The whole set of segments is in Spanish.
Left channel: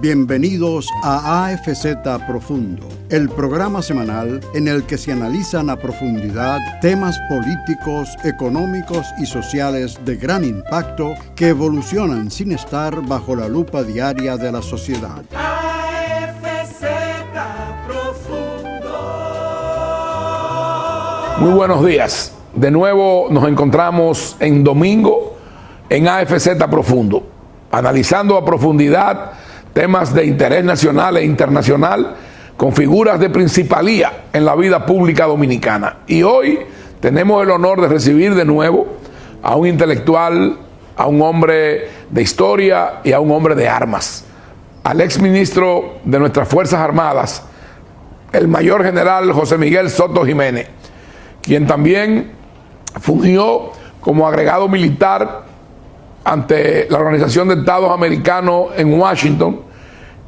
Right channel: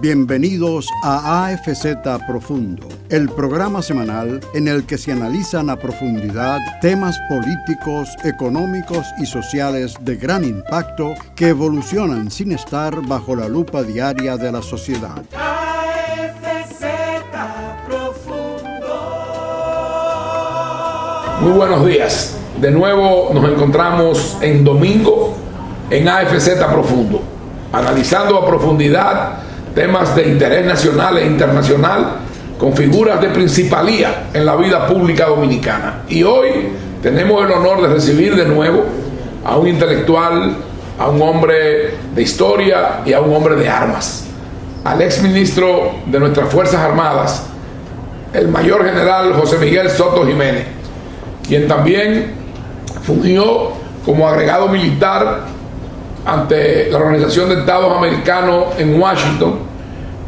Bienvenidos a AFZ Profundo, el programa semanal en el que se analizan a profundidad temas políticos, económicos y sociales de gran impacto que evolucionan sin estar bajo la lupa diaria de la sociedad. AFZ Profundo. Muy buenos días. De nuevo nos encontramos en domingo en AFZ Profundo, analizando a profundidad temas de interés nacional e internacional con figuras de principalía en la vida pública dominicana. Y hoy tenemos el honor de recibir de nuevo a un intelectual, a un hombre de historia y a un hombre de armas, al exministro de nuestras Fuerzas Armadas, el mayor general José Miguel Soto Jiménez, quien también fungió como agregado militar ante la Organización de Estados Americanos en Washington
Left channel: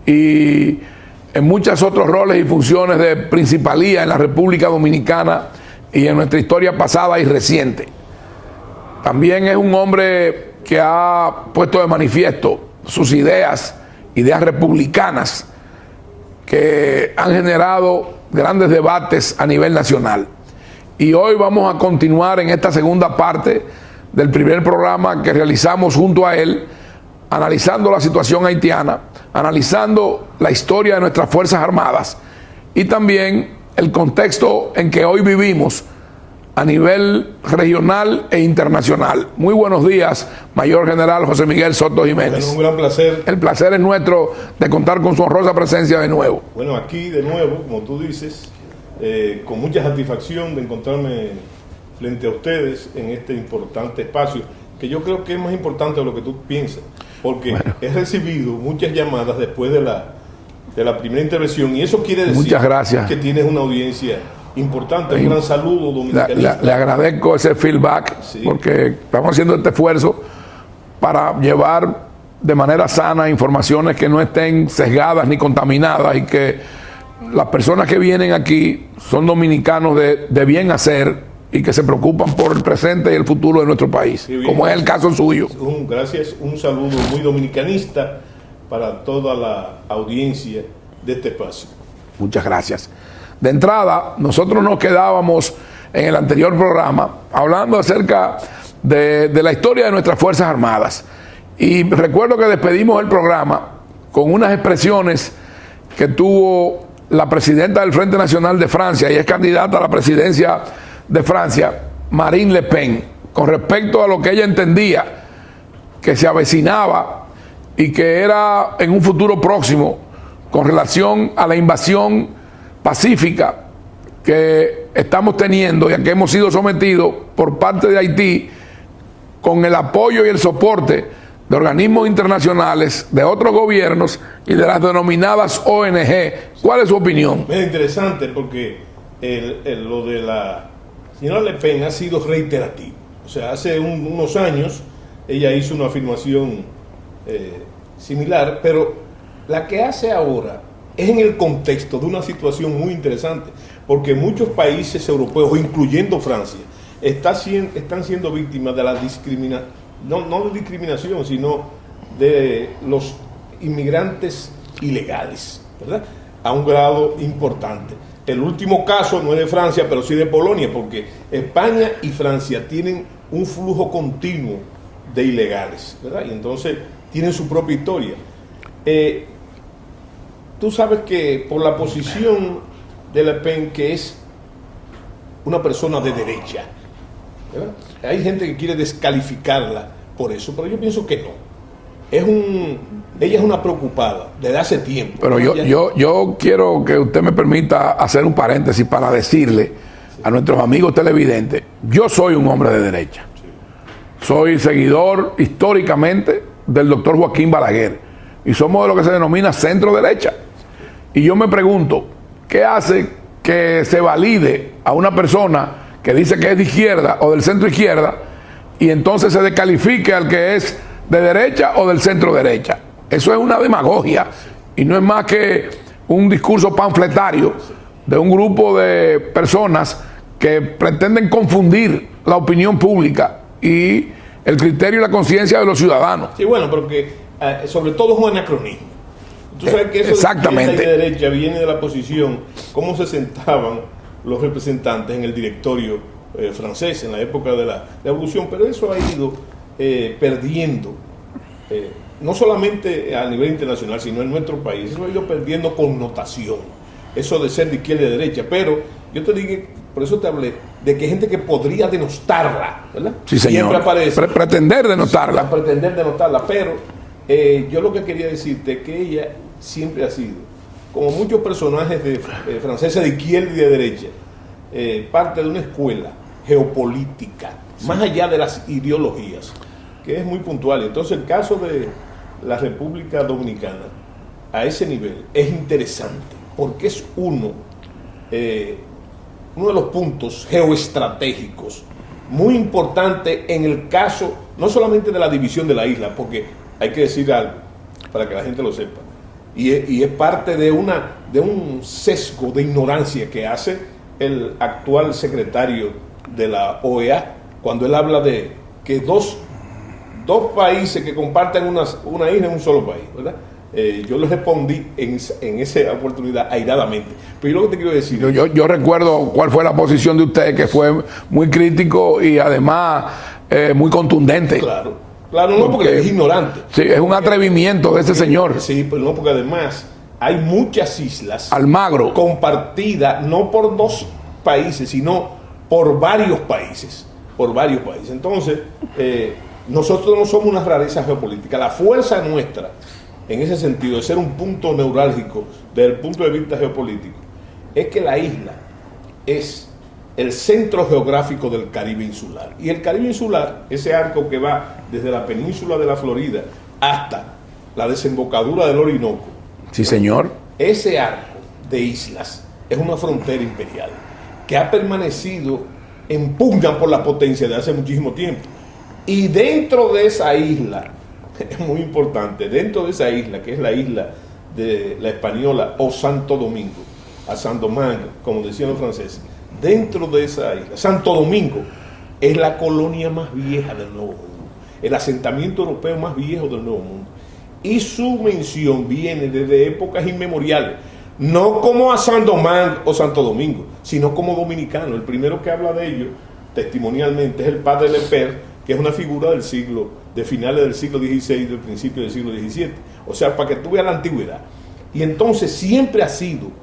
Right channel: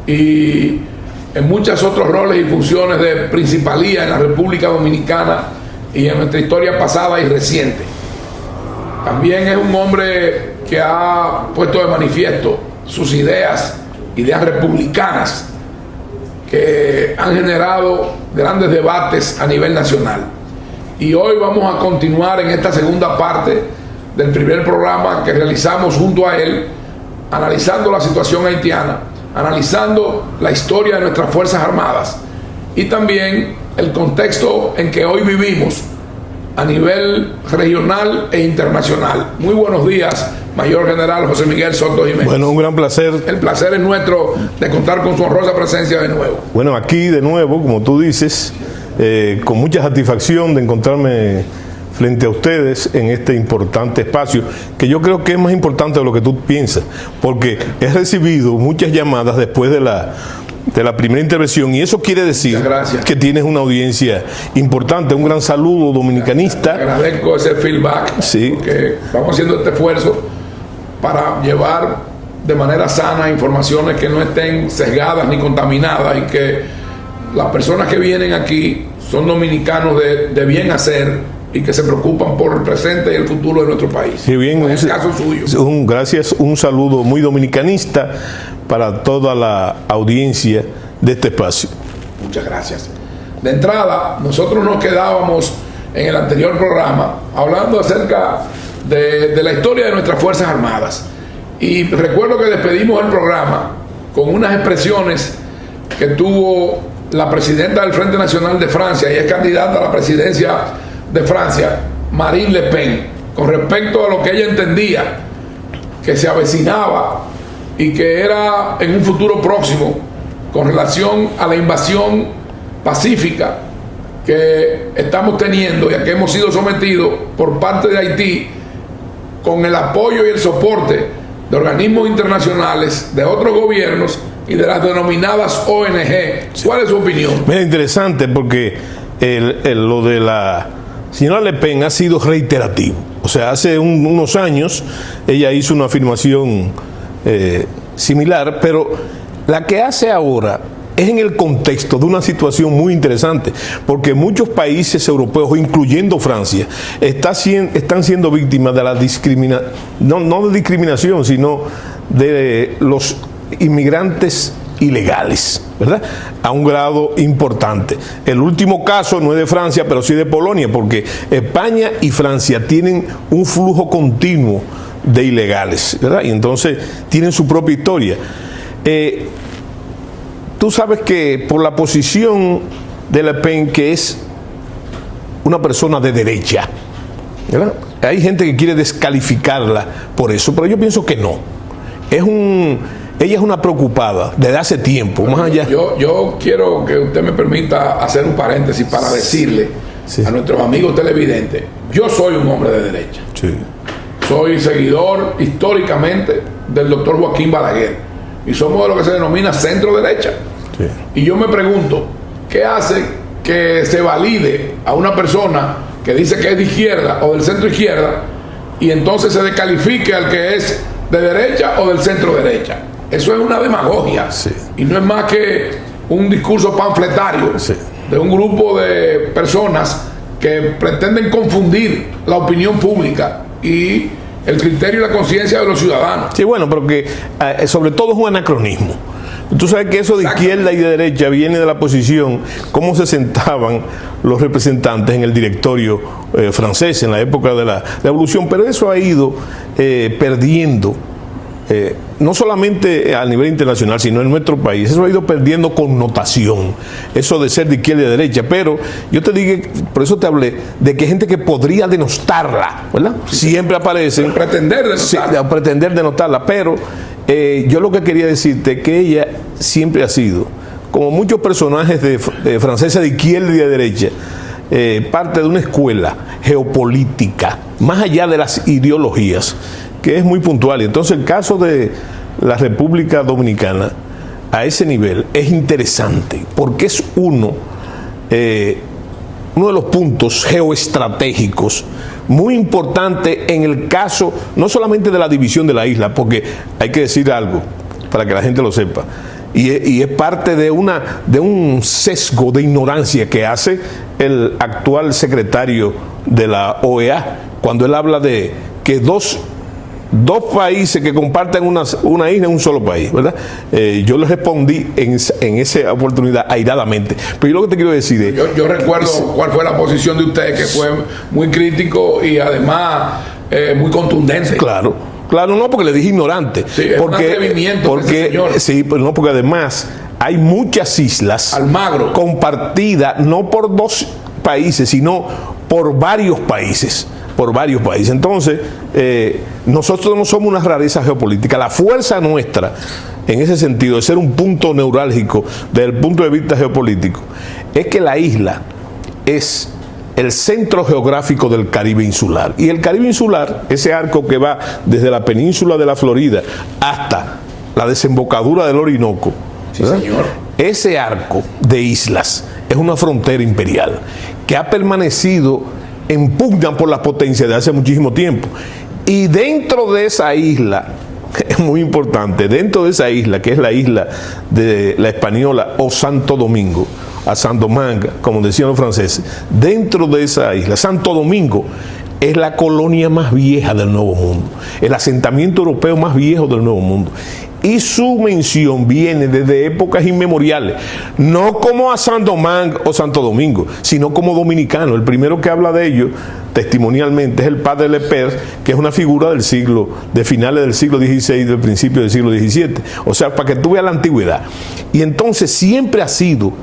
y en muchos otros roles y funciones de principalía en la República Dominicana y en nuestra historia pasada y reciente. También es un hombre que ha puesto de manifiesto sus ideas republicanas que han generado grandes debates a nivel nacional. Y hoy vamos a continuar en esta segunda parte del primer programa que realizamos junto a él, analizando la situación haitiana, analizando la historia de nuestras Fuerzas Armadas y también el contexto en que hoy vivimos a nivel regional e internacional. Muy buenos días, Mayor General José Miguel Soto Jiménez. Bueno, un gran placer. El placer es nuestro de contar con su honrosa presencia de nuevo. Bueno, aquí de nuevo, como tú dices, con mucha satisfacción de encontrarme frente a ustedes en este importante espacio, que yo creo que es más importante de lo que tú piensas, porque he recibido muchas llamadas después de la primera intervención, y eso quiere decir que tienes una audiencia importante. Un gran saludo dominicanista. Le agradezco ese feedback, sí, porque estamos haciendo este esfuerzo para llevar de manera sana informaciones que no estén sesgadas ni contaminadas, y que las personas que vienen aquí son dominicanos de bien hacer y que se preocupan por el presente y el futuro de nuestro país, sí, bien, como es el caso suyo. Gracias, un saludo muy dominicanista para toda la audiencia de este espacio. Muchas gracias. De entrada, nosotros nos quedábamos en el anterior programa hablando acerca de la historia de nuestras Fuerzas Armadas. Y recuerdo que despedimos el programa con unas expresiones que tuvo la presidenta del Frente Nacional de Francia, y es candidata a la presidencia de Francia, Marine Le Pen, con respecto a lo que ella entendía que se avecinaba y que era en un futuro próximo con relación a la invasión pacífica que estamos teniendo y a que hemos sido sometidos por parte de Haití, con el apoyo y el soporte de organismos internacionales, de otros gobiernos y de las denominadas ONG. ¿Cuál es su opinión? Es interesante porque lo de la señora Le Pen ha sido reiterativo. O sea, hace unos años ella hizo una afirmación similar, pero la que hace ahora es en el contexto de una situación muy interesante, porque muchos países europeos, incluyendo Francia, están siendo víctimas de la discriminación, no de discriminación, sino de los inmigrantes ilegales, ¿verdad? A un grado importante. El último caso no es de Francia, pero sí de Polonia, porque España y Francia tienen un flujo continuo de ilegales, ¿verdad? Y entonces tienen su propia historia. Tú sabes que por la posición de Le Pen, que es una persona de derecha, ¿verdad? Hay gente que quiere descalificarla por eso, pero yo pienso que no. Ella es una preocupada desde hace tiempo. Bueno, yo quiero que usted me permita hacer un paréntesis para decirle a nuestros amigos televidentes: yo soy un hombre de derecha. Sí. Soy seguidor históricamente del doctor Joaquín Balaguer, y somos de lo que se denomina centro derecha. Sí. Y yo me pregunto, ¿qué hace que se valide a una persona que dice que es de izquierda o del centro izquierda, y entonces se descalifique al que es de derecha o del centro derecha? Eso es una demagogia, sí, y no es más que un discurso panfletario, sí, de un grupo de personas que pretenden confundir la opinión pública y el criterio y la conciencia de los ciudadanos. Sí, bueno, pero que sobre todo es un anacronismo, Tú sabes que eso de izquierda y de Exactamente. derecha viene de la posición, cómo se sentaban los representantes en el directorio francés en la época de la Revolución, pero eso ha ido perdiendo, no solamente a nivel internacional, sino en nuestro país, eso ha ido perdiendo connotación, eso de ser de izquierda y de derecha, pero yo te digo, por eso te hablé, de que hay gente que podría denostarla, ¿verdad? Sí, siempre señor. aparece. Pretender denotarla. Sí, a pretender denotarla, pero yo lo que quería decirte es que ella siempre ha sido, como muchos personajes de franceses de izquierda y de derecha, parte de una escuela geopolítica, más allá de las ideologías, que es muy puntual. Entonces el caso de la República Dominicana a ese nivel es interesante, porque es uno de los puntos geoestratégicos muy importante en el caso, no solamente de la división de la isla, porque hay que decir algo para que la gente lo sepa, y es parte de un sesgo de ignorancia que hace el actual secretario de la OEA, cuando él habla de que dos países que comparten una isla en un solo país, ¿verdad? Yo le respondí en esa oportunidad airadamente. Pero yo lo que te quiero decir es, Yo recuerdo cuál fue la posición de usted, que fue muy crítico y además muy contundente. Claro, no porque le dije ignorante. Sí, es un atrevimiento de ese señor. Sí, pero no, porque además hay muchas islas Almagro. compartidas no por dos países, sino por varios países. Entonces, nosotros no somos una rareza geopolítica. La fuerza nuestra, en ese sentido, de ser un punto neurálgico desde el punto de vista geopolítico, es que la isla es el centro geográfico del Caribe insular. Y el Caribe insular, ese arco que va desde la península de la Florida hasta la desembocadura del Orinoco, Sí, señor. ese arco de islas es una frontera imperial que ha permanecido en pugna por la potencia de hace muchísimo tiempo. Y dentro de esa isla, es muy importante, dentro de esa isla, que es la isla de la española o Santo Domingo, a Saint Domingue, como decían los franceses, dentro de esa isla, Santo Domingo es la colonia más vieja del Nuevo Mundo, el asentamiento europeo más viejo del Nuevo Mundo. Y su mención viene desde épocas inmemoriales, no como a Saint Domingue o Santo Domingo, sino como dominicano. El primero que habla de ello testimonialmente es el padre Lepers, que es una figura de finales del siglo XVI y del principio del siglo XVII. O sea, para que tú veas la antigüedad. Y entonces siempre ha sido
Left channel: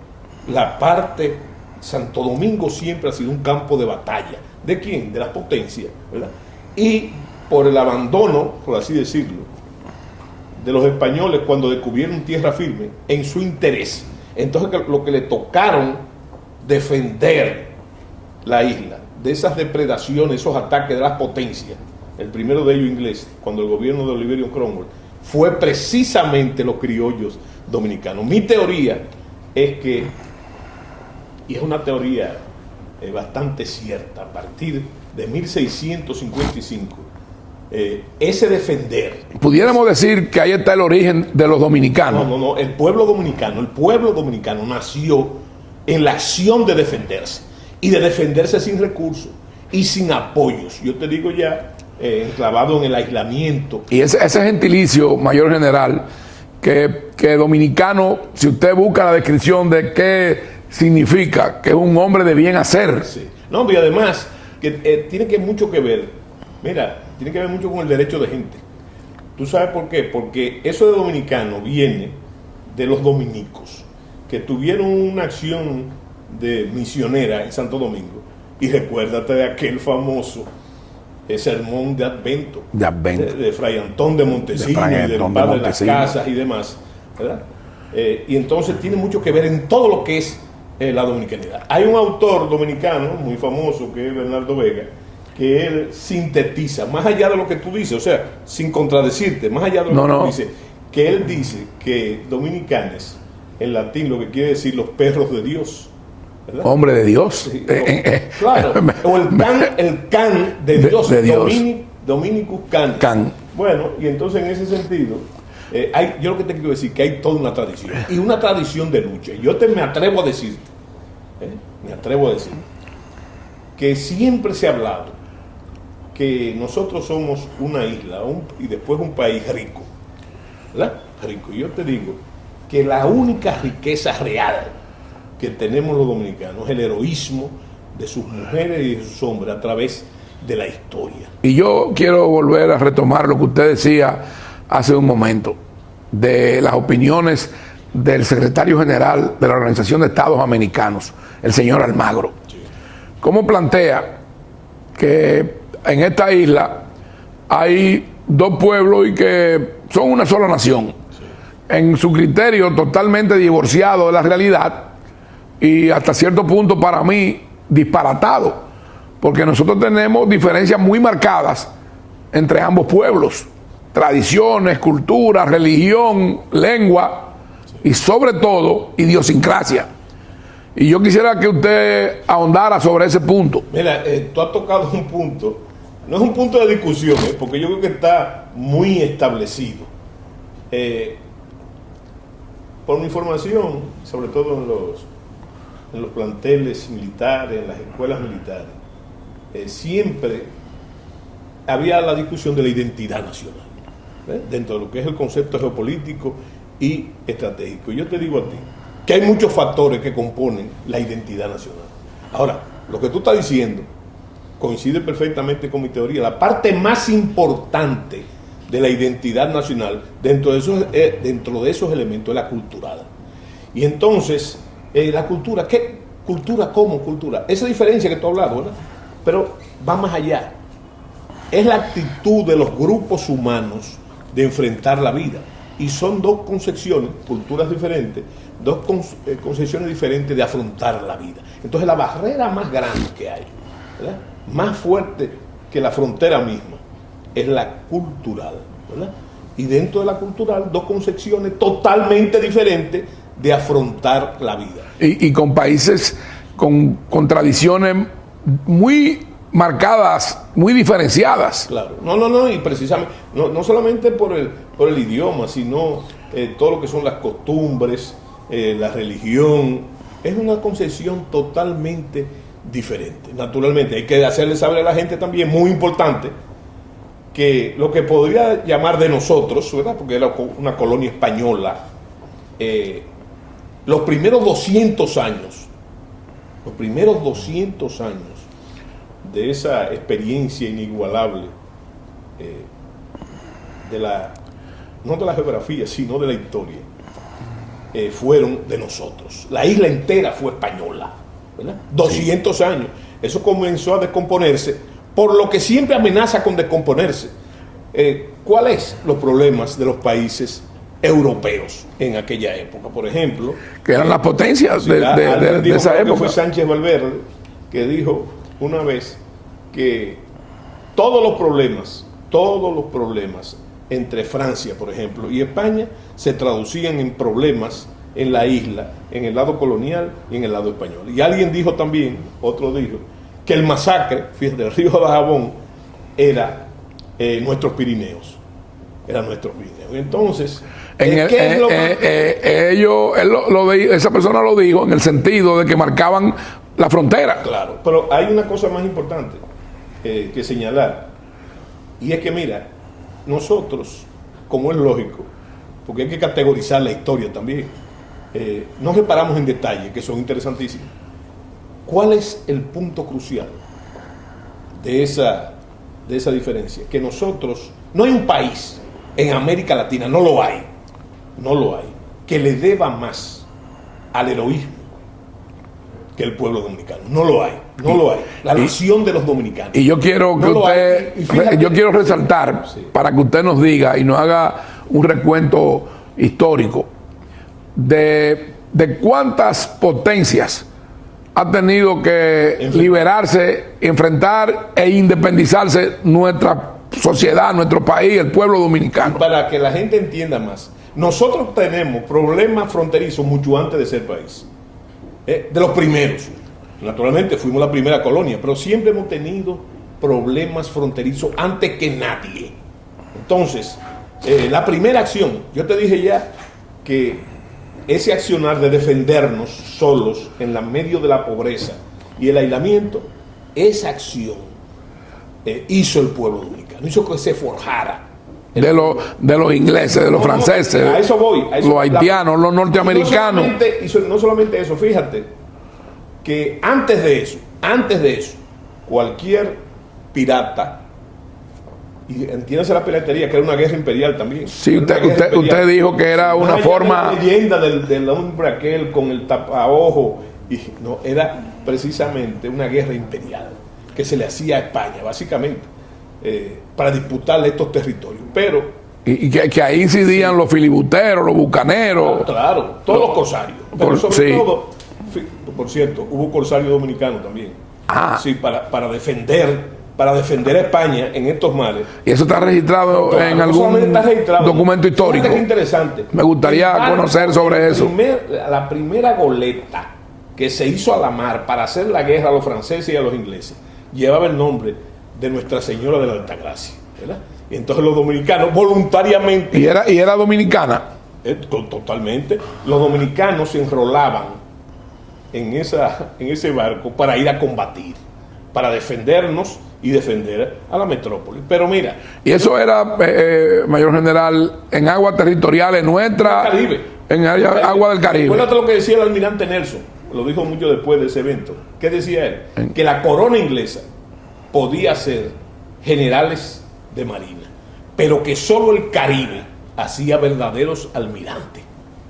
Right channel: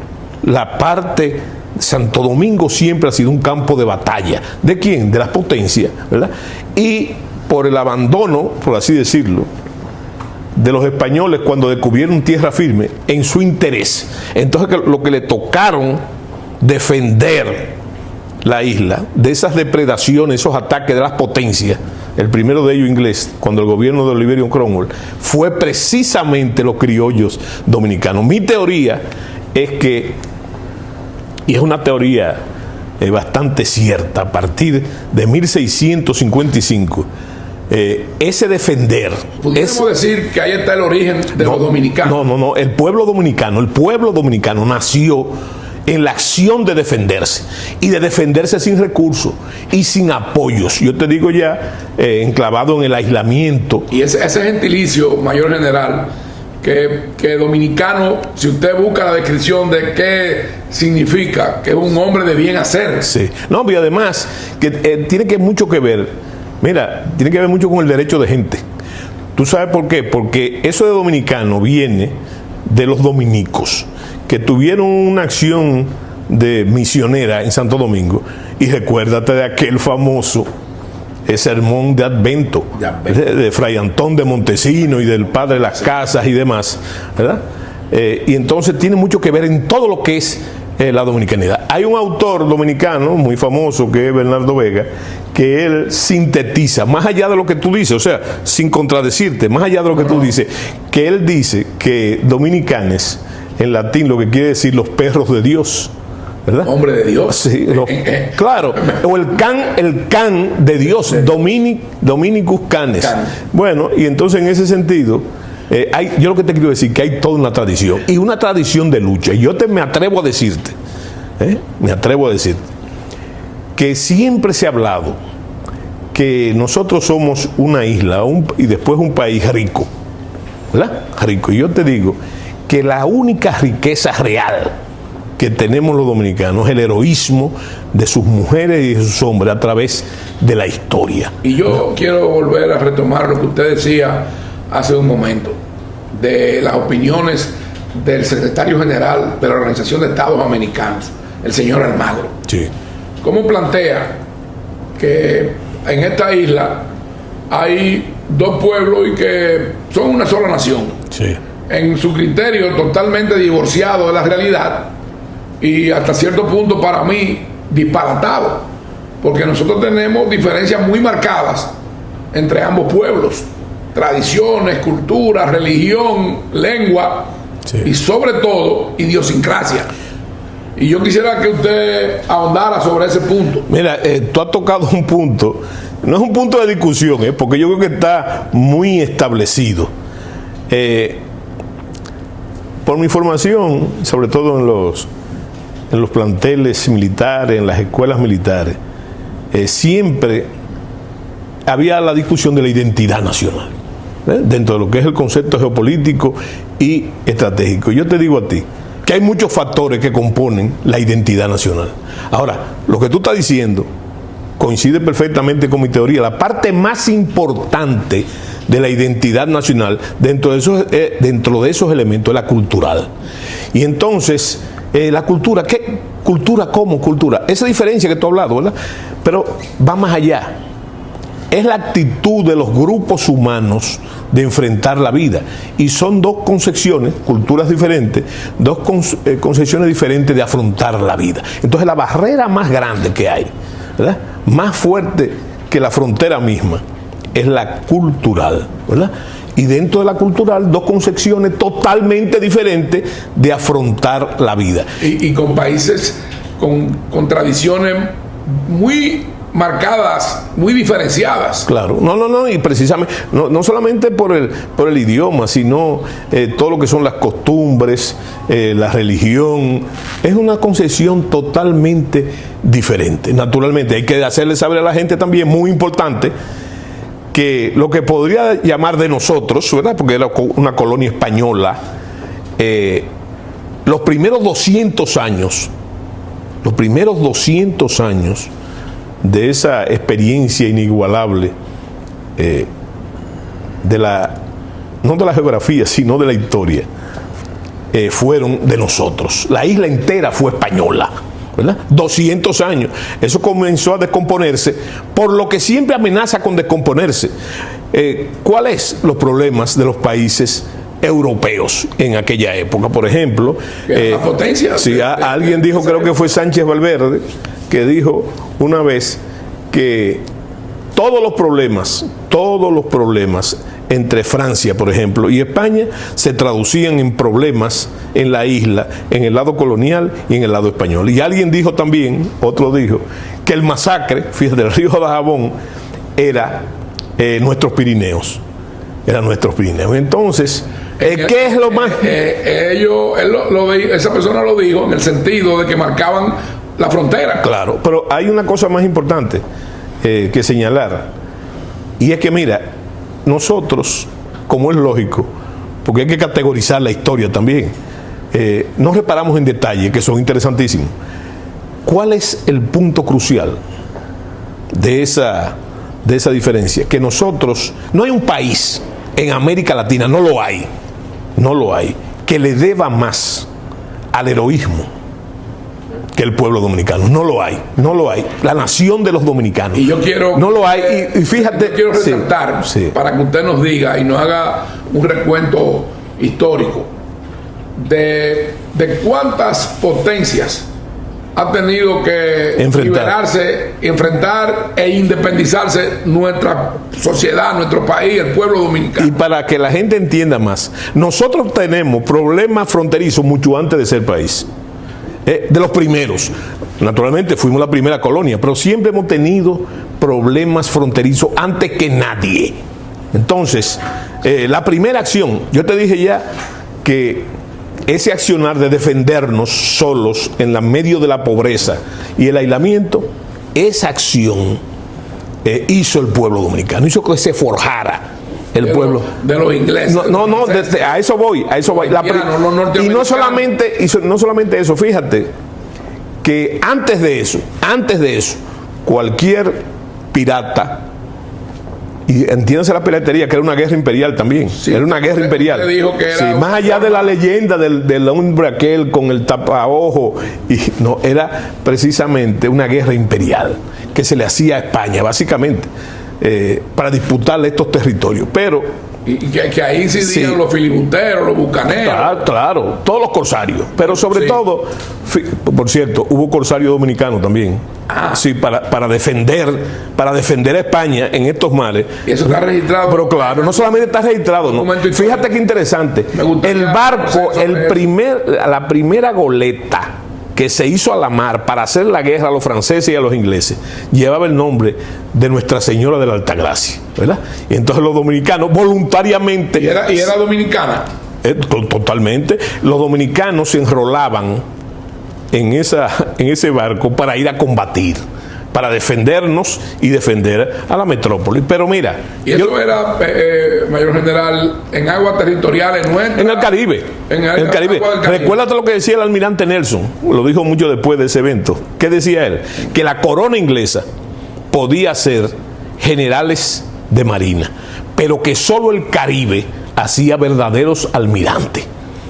la parte, Santo Domingo siempre ha sido un campo de batalla. ¿De quién? De las potencias, ¿verdad? Y por el abandono, por así decirlo, de los españoles cuando descubrieron tierra firme en su interés. Entonces lo que le tocaron defender la isla de esas depredaciones, esos ataques de las potencias, el primero de ellos inglés, cuando el gobierno de Oliverio Cromwell, fue precisamente los criollos dominicanos. Mi teoría es que, y es una teoría bastante cierta, a partir de 1655, ese defender. Pudiéramos decir que ahí está el origen de los dominicanos. No, el pueblo dominicano nació en la acción de defenderse, y de defenderse sin recursos y sin apoyos. Yo te digo ya, enclavado en el aislamiento. Y ese gentilicio, mayor general, que dominicano, si usted busca la descripción de qué significa, que es un hombre de bien hacer. Sí. No, y además, que tiene mucho que ver, tiene que ver mucho con el derecho de gente. ¿Tú sabes por qué? Porque eso de dominicano viene de los dominicos, que tuvieron una acción de misionera en Santo Domingo. Y recuérdate de aquel famoso sermón de Advento, de Fray Antón de Montesino y del padre de las casas y demás, ¿verdad? Y entonces tiene mucho que ver en todo lo que es la dominicanidad. Hay un autor dominicano muy famoso que es Bernardo Vega, que él sintetiza, más allá de lo que tú dices, o sea, sin contradecirte, más allá de lo que tú dices, que él dice que dominicanes, en latín, lo que quiere decir los perros de Dios, ¿verdad? Hombre de Dios. Sí, claro, o el can de Dios, Dominicus canes. Bueno, y entonces en ese sentido, yo lo que te quiero decir que hay toda una tradición, y una tradición de lucha. Y yo me atrevo a decirte, que siempre se ha hablado que nosotros somos una isla y después un país rico, ¿verdad? Rico. Y yo te digo que la única riqueza real que tenemos los dominicanos es el heroísmo de sus mujeres y de sus hombres a través de la historia. Y yo quiero volver a retomar lo que usted decía hace un momento, de las opiniones del secretario general de la Organización de Estados Americanos, el señor Almagro. Sí. ¿Cómo plantea que en esta isla hay dos pueblos y que son una sola nación? Sí. En su criterio totalmente divorciado de la realidad y hasta cierto punto para mí disparatado, porque nosotros tenemos diferencias muy marcadas entre ambos pueblos, tradiciones, cultura, religión, lengua, sí, y sobre todo idiosincrasia. Y yo quisiera que usted ahondara sobre ese punto. Mira, tú has tocado un punto, no es un punto de discusión, porque yo creo que está muy establecido. Por mi información, sobre todo en los planteles militares, en las escuelas militares, siempre había la discusión de la identidad nacional, dentro de lo que es el concepto geopolítico y estratégico. Yo te digo a ti que hay muchos factores que componen la identidad nacional. Ahora, lo que tú estás diciendo coincide perfectamente con mi teoría. La parte más importante de la identidad nacional dentro de esos elementos es la cultural. Y entonces, la cultura, ¿qué cultura como cultura? Esa diferencia que tú has hablado, ¿verdad? Pero va más allá. Es la actitud de los grupos humanos de enfrentar la vida. Y son dos concepciones, culturas diferentes, dos concepciones diferentes de afrontar la vida. Entonces la barrera más grande que hay, ¿verdad?, más fuerte que la frontera misma, es la cultural, ¿verdad? Y dentro de la cultural, dos concepciones totalmente diferentes de afrontar la vida. Y con países con tradiciones muy marcadas, muy diferenciadas. Claro, no, y precisamente, no solamente por el idioma, sino todo lo que son las costumbres, la religión, es una concepción totalmente diferente. Naturalmente, hay que hacerle saber a la gente también, muy importante, que lo que podría llamar de nosotros, ¿verdad?, porque era una colonia española, los primeros 200 años de esa experiencia inigualable no de la geografía, sino de la historia, fueron de nosotros. La isla entera fue española, ¿verdad? 200 años. Eso comenzó a descomponerse, por lo que siempre amenaza con descomponerse. ¿Cuáles los problemas de los países europeos en aquella época? Por ejemplo, que eran las potencias. Sí, alguien dijo, creo que fue Sánchez Valverde, que dijo una vez que todos los problemas entre Francia, por ejemplo, y España se traducían en problemas en la isla, en el lado colonial y en el lado español. Y alguien dijo también, otro dijo, que el masacre, fíjate, del río Dajabón era nuestros Pirineos. Eran nuestros Pirineos. Entonces, ¿qué es lo más? Esa persona lo dijo en el sentido de que marcaban la frontera. Claro, pero hay una cosa más importante que señalar, y es que, mira, nosotros, como es lógico, porque hay que categorizar la historia también, no reparamos en detalles que son interesantísimos. ¿Cuál es el punto crucial de esa diferencia? Que nosotros, no hay un país en América Latina, no lo hay, que le deba más al heroísmo que el pueblo dominicano. No lo hay. La nación de los dominicanos. Y yo quiero yo quiero resaltar, sí, para que usted nos diga y nos haga un recuento histórico de cuántas potencias ha tenido que liberarse, enfrentar e independizarse nuestra sociedad, nuestro país, el pueblo dominicano. Y para que la gente entienda más, nosotros tenemos problemas fronterizos mucho antes de ser país. De los primeros. Naturalmente fuimos la primera colonia, pero siempre hemos tenido problemas fronterizos antes que nadie. Entonces, la primera acción, yo te dije ya que ese accionar de defendernos solos en medio de la pobreza y el aislamiento, esa acción hizo el pueblo dominicano, hizo que se forjara de los ingleses, de los franceses, a eso voy, los haitianos, los norteamericanos. Y no solamente eso, fíjate que antes de eso, cualquier pirata, y entiéndase la piratería, que era una guerra imperial también. Sí, era una guerra imperial. Usted dijo que era más allá de la leyenda del hombre aquel con el tapaojo, y no, era precisamente una guerra imperial que se le hacía a España, básicamente, para disputarle estos territorios. Pero y que ahí incidían los filibusteros, los bucaneros. Claro, todos los corsarios. Pero sobre todo, por cierto, hubo corsarios dominicanos también. Sí, para defender a España en estos mares. Y eso está registrado. Pero claro, no solamente está registrado. Documento histórico. Fíjate qué interesante. Me gustaría el barco, sobre la primera goleta que se hizo a la mar para hacer la guerra a los franceses y a los ingleses llevaba el nombre de Nuestra Señora de la Altagracia, ¿verdad? Y entonces los dominicanos voluntariamente. ¿Y era dominicana? Totalmente. Los dominicanos se enrolaban en ese barco para ir a combatir, para defendernos y defender a la metrópoli. Pero mira, y eso era, mayor general, en aguas territoriales nuestras, en el Caribe, agua del Caribe. Recuérdate lo que decía el almirante Nelson, lo dijo mucho después de ese evento. ¿Qué decía él? Que la corona inglesa podía ser generales de marina, pero que solo el Caribe hacía verdaderos almirantes,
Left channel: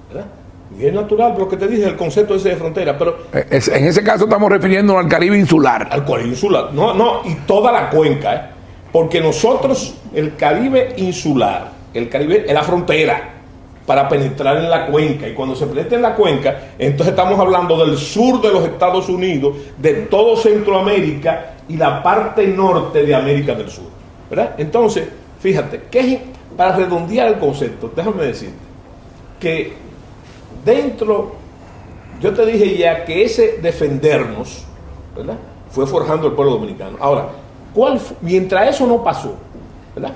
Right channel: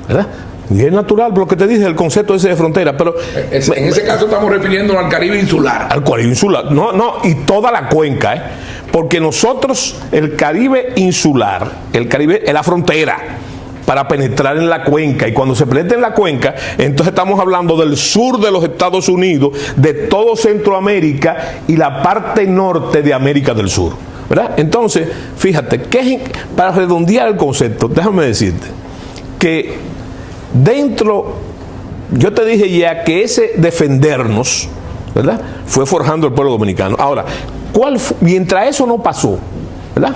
¿verdad? Y es natural lo que te dije, el concepto ese de frontera, pero en ese caso estamos refiriéndonos al Caribe insular. Al Caribe insular, no, y toda la cuenca, porque nosotros, el Caribe insular, el Caribe es la frontera para penetrar en la cuenca, y cuando se penetra en la cuenca, entonces estamos hablando del sur de los Estados Unidos, de todo Centroamérica y la parte norte de América del Sur, ¿verdad? Entonces, fíjate, para redondear el concepto, déjame decirte que dentro, yo te dije ya que ese defendernos, ¿verdad?, fue forjando el pueblo dominicano. Ahora, mientras eso no pasó, ¿verdad?,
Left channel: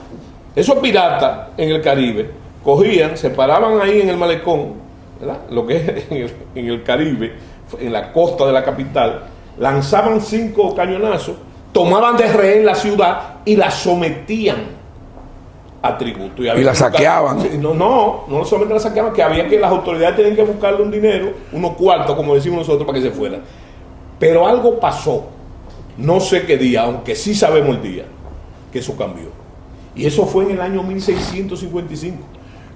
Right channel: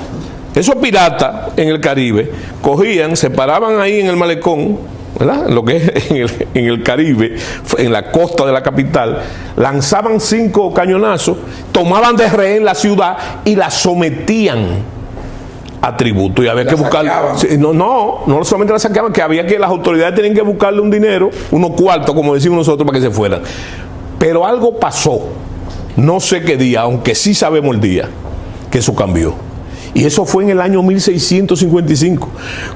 esos piratas en el Caribe cogían, se paraban ahí en el malecón, ¿verdad?, lo que es en el Caribe, en la costa de la capital, lanzaban 5 cañonazos, tomaban de rehén la ciudad y la sometían a tributo, y había que buscar. No solamente la saqueaban, que había que las autoridades tenían que buscarle un dinero, unos cuartos, como decimos nosotros, para que se fueran. Pero algo pasó, no sé qué día, aunque sí sabemos el día, que eso cambió. Y eso fue en el año 1655,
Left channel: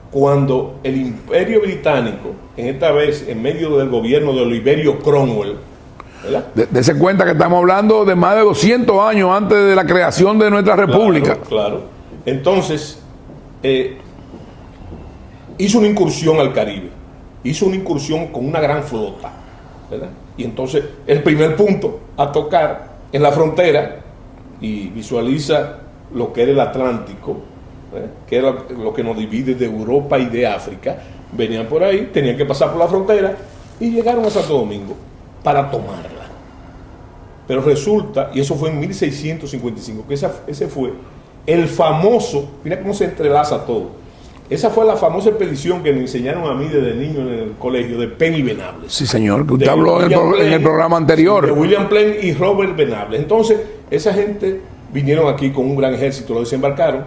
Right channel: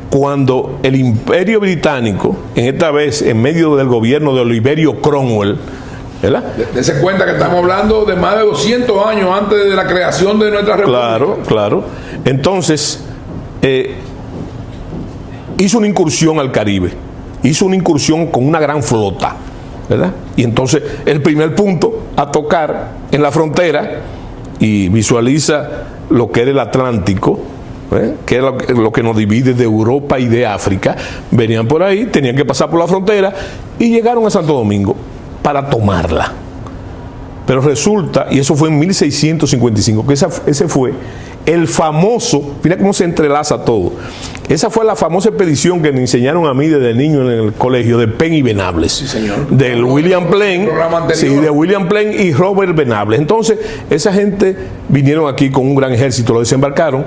cuando el Imperio Británico, en esta vez en medio del gobierno de Oliverio Cromwell, ¿verdad? Dese cuenta que estamos hablando de más de 200 años antes de la creación de nuestra república. Claro. Entonces, hizo una incursión al Caribe, hizo una incursión con una gran flota, ¿verdad? Y entonces, el primer punto a tocar en la frontera, y visualiza lo que era el Atlántico, que era lo que nos divide de Europa y de África, venían por ahí, tenían que pasar por la frontera y llegaron a Santo Domingo para tomarla. Pero resulta, y eso fue en 1655, que ese fue el famoso, mira cómo se entrelaza todo. Esa fue la famosa expedición que me enseñaron a mí desde niño en el colegio, de Penn y Venables. Sí, señor. De William Penn, en el programa anterior. Sí, de William Penn y Robert Venables. Entonces, esa gente vinieron aquí con un gran ejército, lo desembarcaron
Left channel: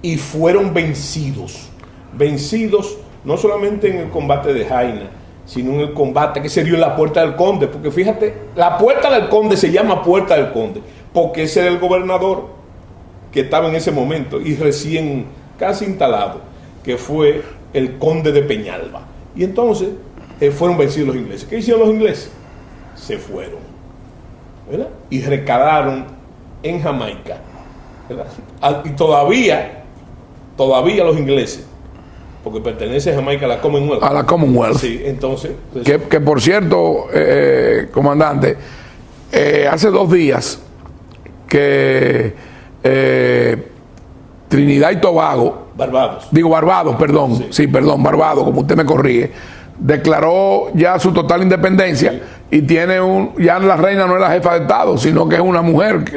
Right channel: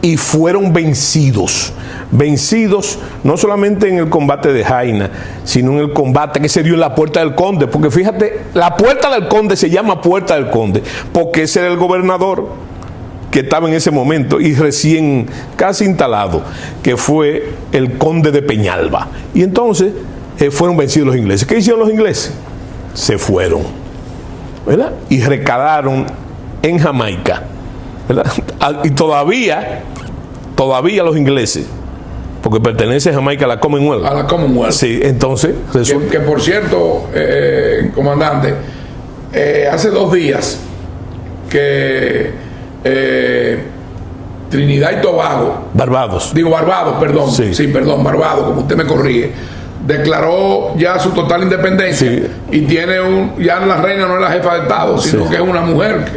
y fueron vencidos. Vencidos no solamente en el combate de Jaina, sino en el combate que se dio en la Puerta del Conde. Porque fíjate, la Puerta del Conde se llama Puerta del Conde porque ese era el gobernador que estaba en ese momento y recién casi instalado, que fue el conde de Peñalba. Y entonces fueron vencidos los ingleses. ¿Qué hicieron los ingleses? Se fueron, ¿verdad? Y recalaron en Jamaica, ¿verdad? Y todavía los ingleses, porque pertenece a Jamaica a la Commonwealth. A la Commonwealth. Sí, entonces... Que por cierto, comandante, hace 2 días que Trinidad y Tobago, Barbados, perdón, Barbados, como usted me corrige, declaró ya su total independencia, sí, y tiene ya la reina no es la jefa de Estado, sino, sí, que es una mujer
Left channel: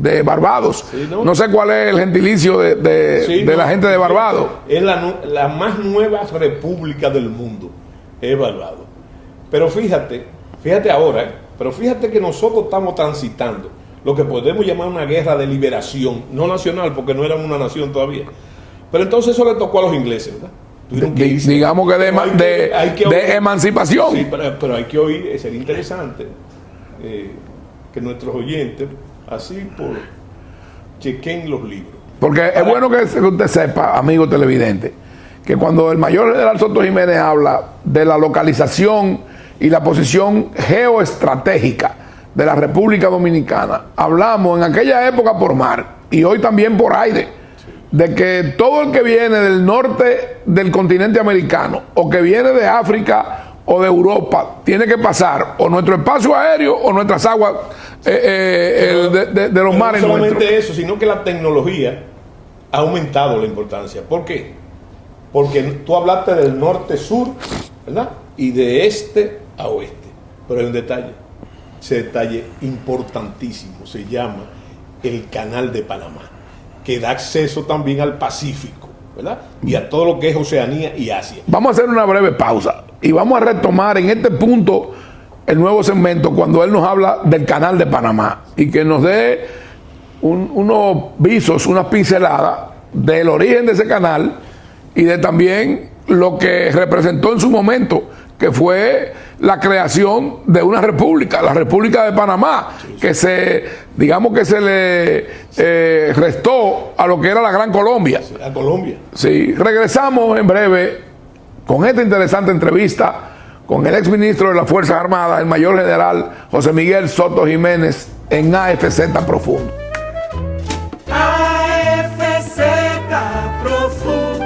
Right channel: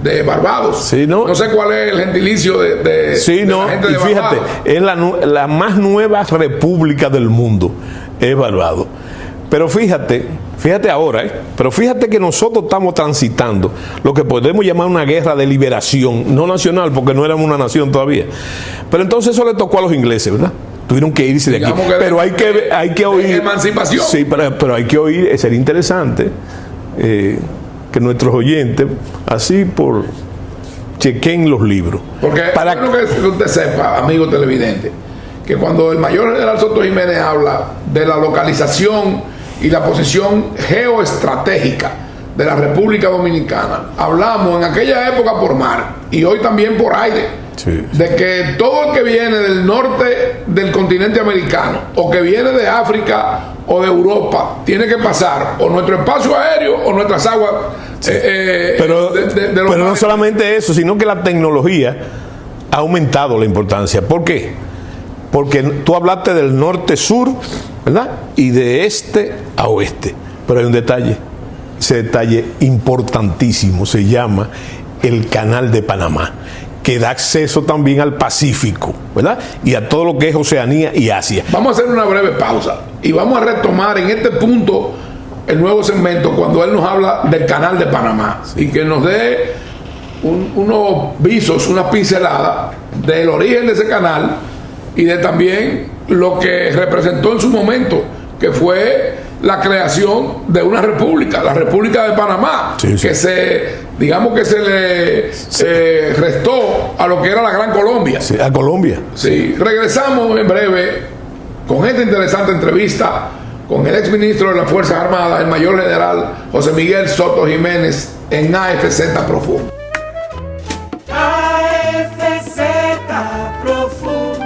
de Barbados. Sí, no sé cuál es el gentilicio de la gente de Barbados. Fíjate, es la más nueva república del mundo, es Barbados. Pero fíjate ahora, pero fíjate que nosotros estamos transitando lo que podemos llamar una guerra de liberación, no nacional, porque no éramos una nación todavía. Pero entonces eso le tocó a los ingleses, ¿verdad? Tuvieron que irse de aquí. Que pero hay que oír emancipación. Sí, pero hay que oír, sería interesante que nuestros oyentes, así por chequen los libros. Porque es bueno que usted sepa, amigo televidente, que cuando el mayor general Soto Jiménez habla de la localización y la posición geoestratégica de la República Dominicana, hablamos en aquella época por mar y hoy también por aire. Sí. De que todo el que viene del norte del continente americano o que viene de África o de Europa tiene que pasar o nuestro espacio aéreo o nuestras aguas pero de los mares. No solamente eso, sino que la tecnología ha aumentado la importancia. ¿Por qué? Porque tú hablaste del norte-sur, ¿verdad? Y de este a oeste. Pero hay un detalle, ese detalle importantísimo, se llama el Canal de Panamá, que da acceso también al Pacífico, ¿verdad? Y a todo lo que es Oceanía y Asia. Vamos a hacer una breve pausa y vamos a retomar en este punto el nuevo segmento cuando él nos habla del Canal de Panamá y que nos dé unos visos, unas pinceladas del origen de ese canal y de también lo que representó en su momento, que fue la creación de una república, la República de Panamá, sí. Que se le restó a lo que era la Gran Colombia. Sí, a Colombia. Sí, regresamos en breve con esta interesante entrevista con el exministro de las Fuerzas Armadas, el mayor general José Miguel Soto Jiménez, en AFZ Profundo. AFZ Profundo.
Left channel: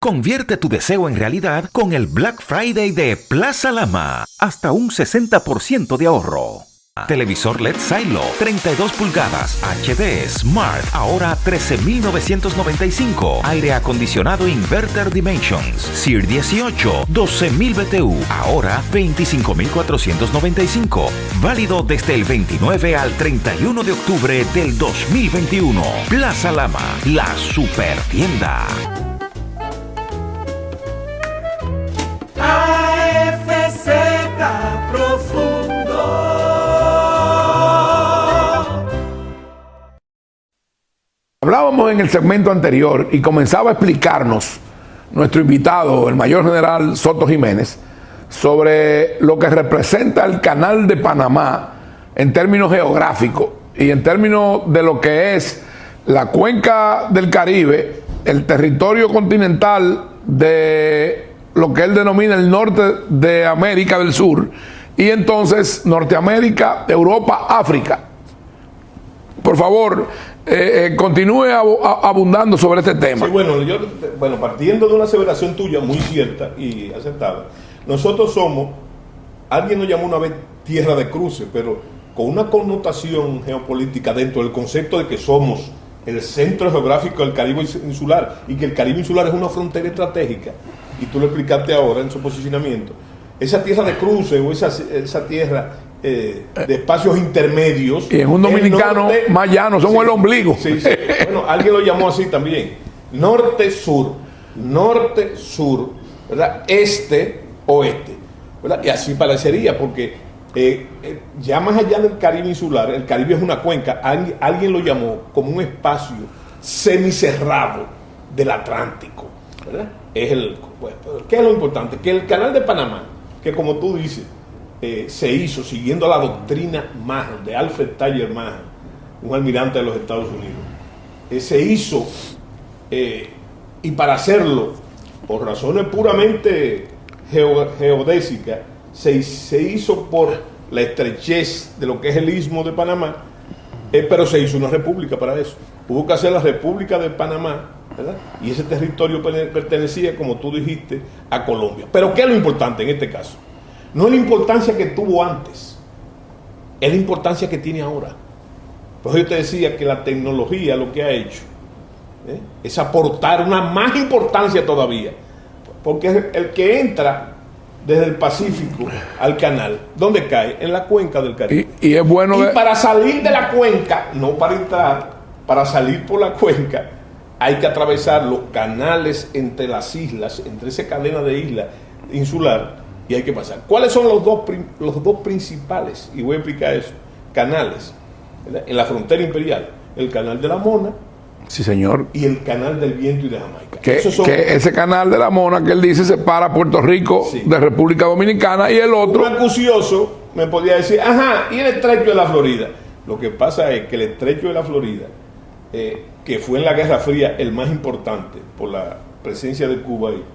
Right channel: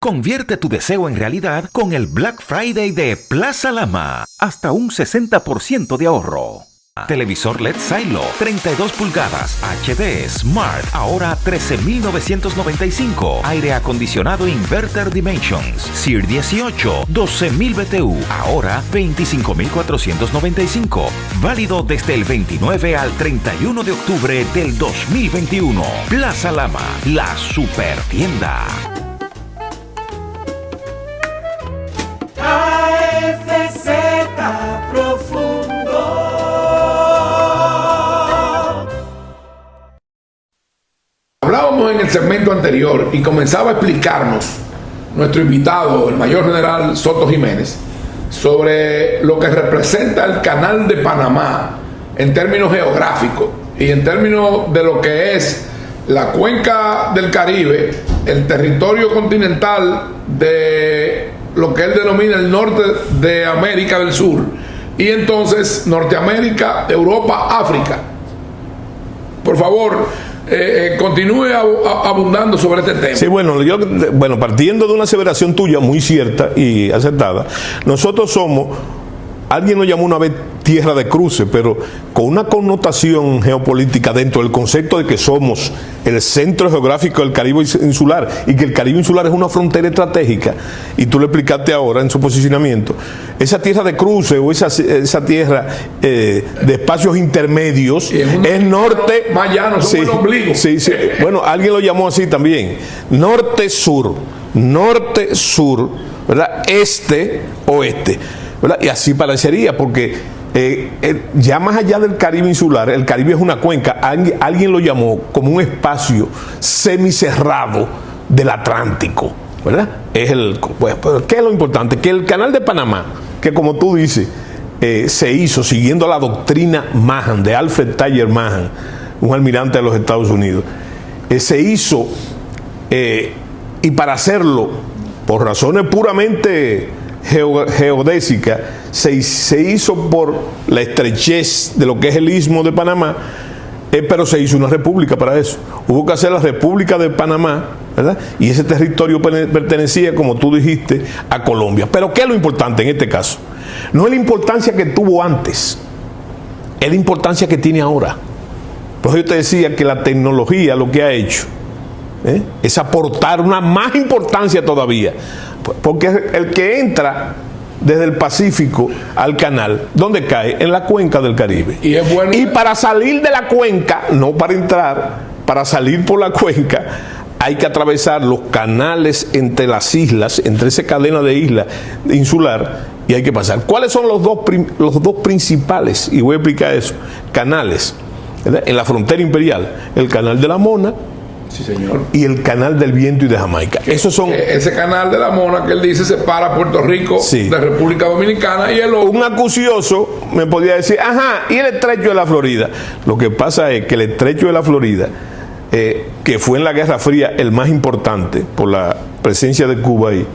Convierte tu deseo en realidad con el Black Friday de Plaza Lama. Hasta un 60% de ahorro. Televisor LED Silo, 32 pulgadas, HD, Smart, ahora 13,995. Aire acondicionado Inverter Dimensions, SEER 18, 12,000 BTU, ahora 25,495. Válido desde el 29 al 31 de octubre del 2021. Plaza Lama, la super tienda. AFZ Profundo. Hablábamos en el segmento anterior y comenzaba a explicarnos nuestro invitado, el mayor general Soto Jiménez, sobre lo que representa el Canal de Panamá en términos geográficos y en términos de lo que es la cuenca del Caribe, el territorio continental de lo que él denomina el norte de América del Sur, y entonces Norteamérica, Europa, África. Por favor, continúe abundando sobre este tema. Sí, bueno, partiendo de una aseveración tuya muy cierta y acertada, nosotros somos, alguien lo llamó una vez tierra de cruce, pero con una connotación geopolítica dentro del concepto de que somos el centro geográfico del Caribe insular y que el Caribe insular es una frontera estratégica, y tú lo explicaste ahora en su posicionamiento. Esa tierra de cruce o esa tierra de espacios intermedios, es un el norte más llano, somos el ombligo. Sí. Bueno, alguien lo llamó así también. Norte-sur, ¿verdad? Este-oeste, ¿verdad? Y así parecería, porque ya más allá del Caribe insular, el Caribe es una cuenca, alguien lo llamó como un espacio semicerrado del Atlántico, ¿verdad? Pero ¿qué es lo importante? Que el Canal de Panamá, que como tú dices, se hizo siguiendo la doctrina Mahan, de Alfred Tyler Mahan, un almirante de los Estados Unidos, se hizo, y para hacerlo, por razones puramente geodésicas, se hizo por la estrechez de lo que es el istmo de Panamá, pero se hizo una república para eso. Hubo que hacer la República de Panamá, ¿verdad? Y ese territorio pertenecía, como tú dijiste, a Colombia. Pero ¿qué es lo importante en este caso? No es la importancia que tuvo antes, es la importancia que tiene ahora. Por eso yo te decía que la tecnología lo que ha hecho es aportar una más importancia todavía. Porque el que entra desde el Pacífico al canal, ¿dónde cae? En la cuenca del Caribe. Y es bueno. Y para salir de la cuenca, no para entrar, para salir por la cuenca, hay que atravesar los canales entre las islas, entre esa cadena de islas insular, y hay que pasar. ¿Cuáles son los dos principales? Y voy a explicar eso. Canales, ¿verdad? En la frontera imperial, el canal de la Mona, sí, señor, y el canal del Viento y de Jamaica. Esos son, que ese canal de la Mona que él dice separa Puerto Rico de República Dominicana, y el otro. Un acucioso me podía decir, ajá, y el estrecho de la Florida. Lo que pasa es que el estrecho de la Florida, que fue en la Guerra Fría el más importante por la presencia de Cuba ahí,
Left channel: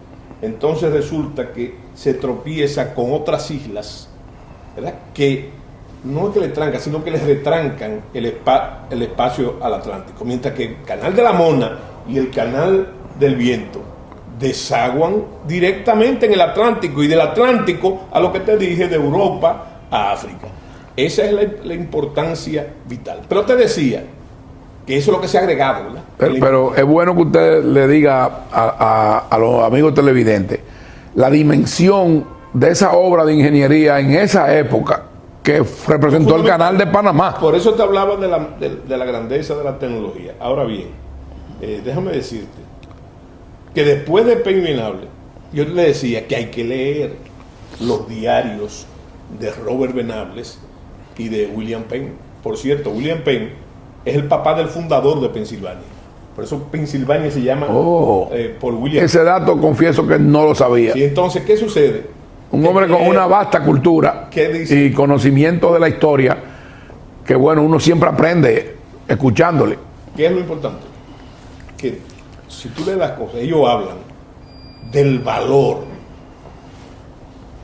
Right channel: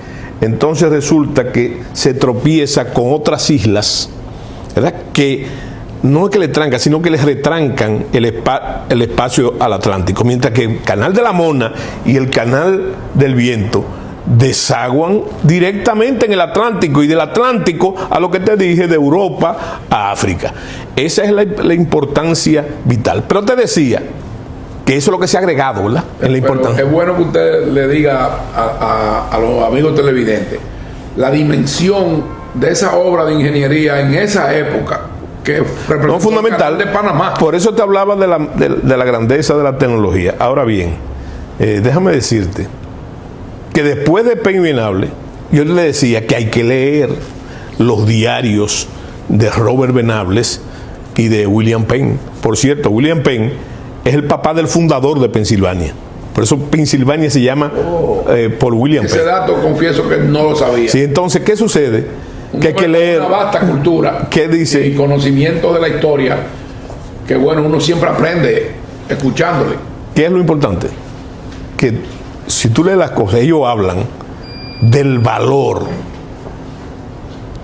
entonces resulta que se tropieza con otras islas, ¿verdad? Que no es que le trancan, sino que les retrancan el espacio al Atlántico, mientras que el canal de la Mona y el canal del Viento desaguan directamente en el Atlántico, y del Atlántico a lo que te dije, de Europa a África. Esa es la importancia vital. Pero te decía que eso es lo que se ha agregado, ¿verdad? Pero es bueno que usted le diga a los amigos televidentes la dimensión de esa obra de ingeniería en esa época que representó el canal de Panamá. Por eso te hablaba de la grandeza de la tecnología. Ahora bien, déjame decirte que después de Penn y Venable, yo le decía que hay que leer los diarios de Robert Venables y de William Penn. Por cierto, William Penn es el papá del fundador de Pensilvania. Por eso Pensilvania se llama por William Penn. Ese dato confieso que no lo sabía. Sí, entonces, ¿qué sucede? Un hombre con una vasta cultura y conocimiento de la historia, que bueno, uno siempre aprende escuchándole. ¿Qué es lo importante? Que si tú lees las cosas, ellos hablan del valor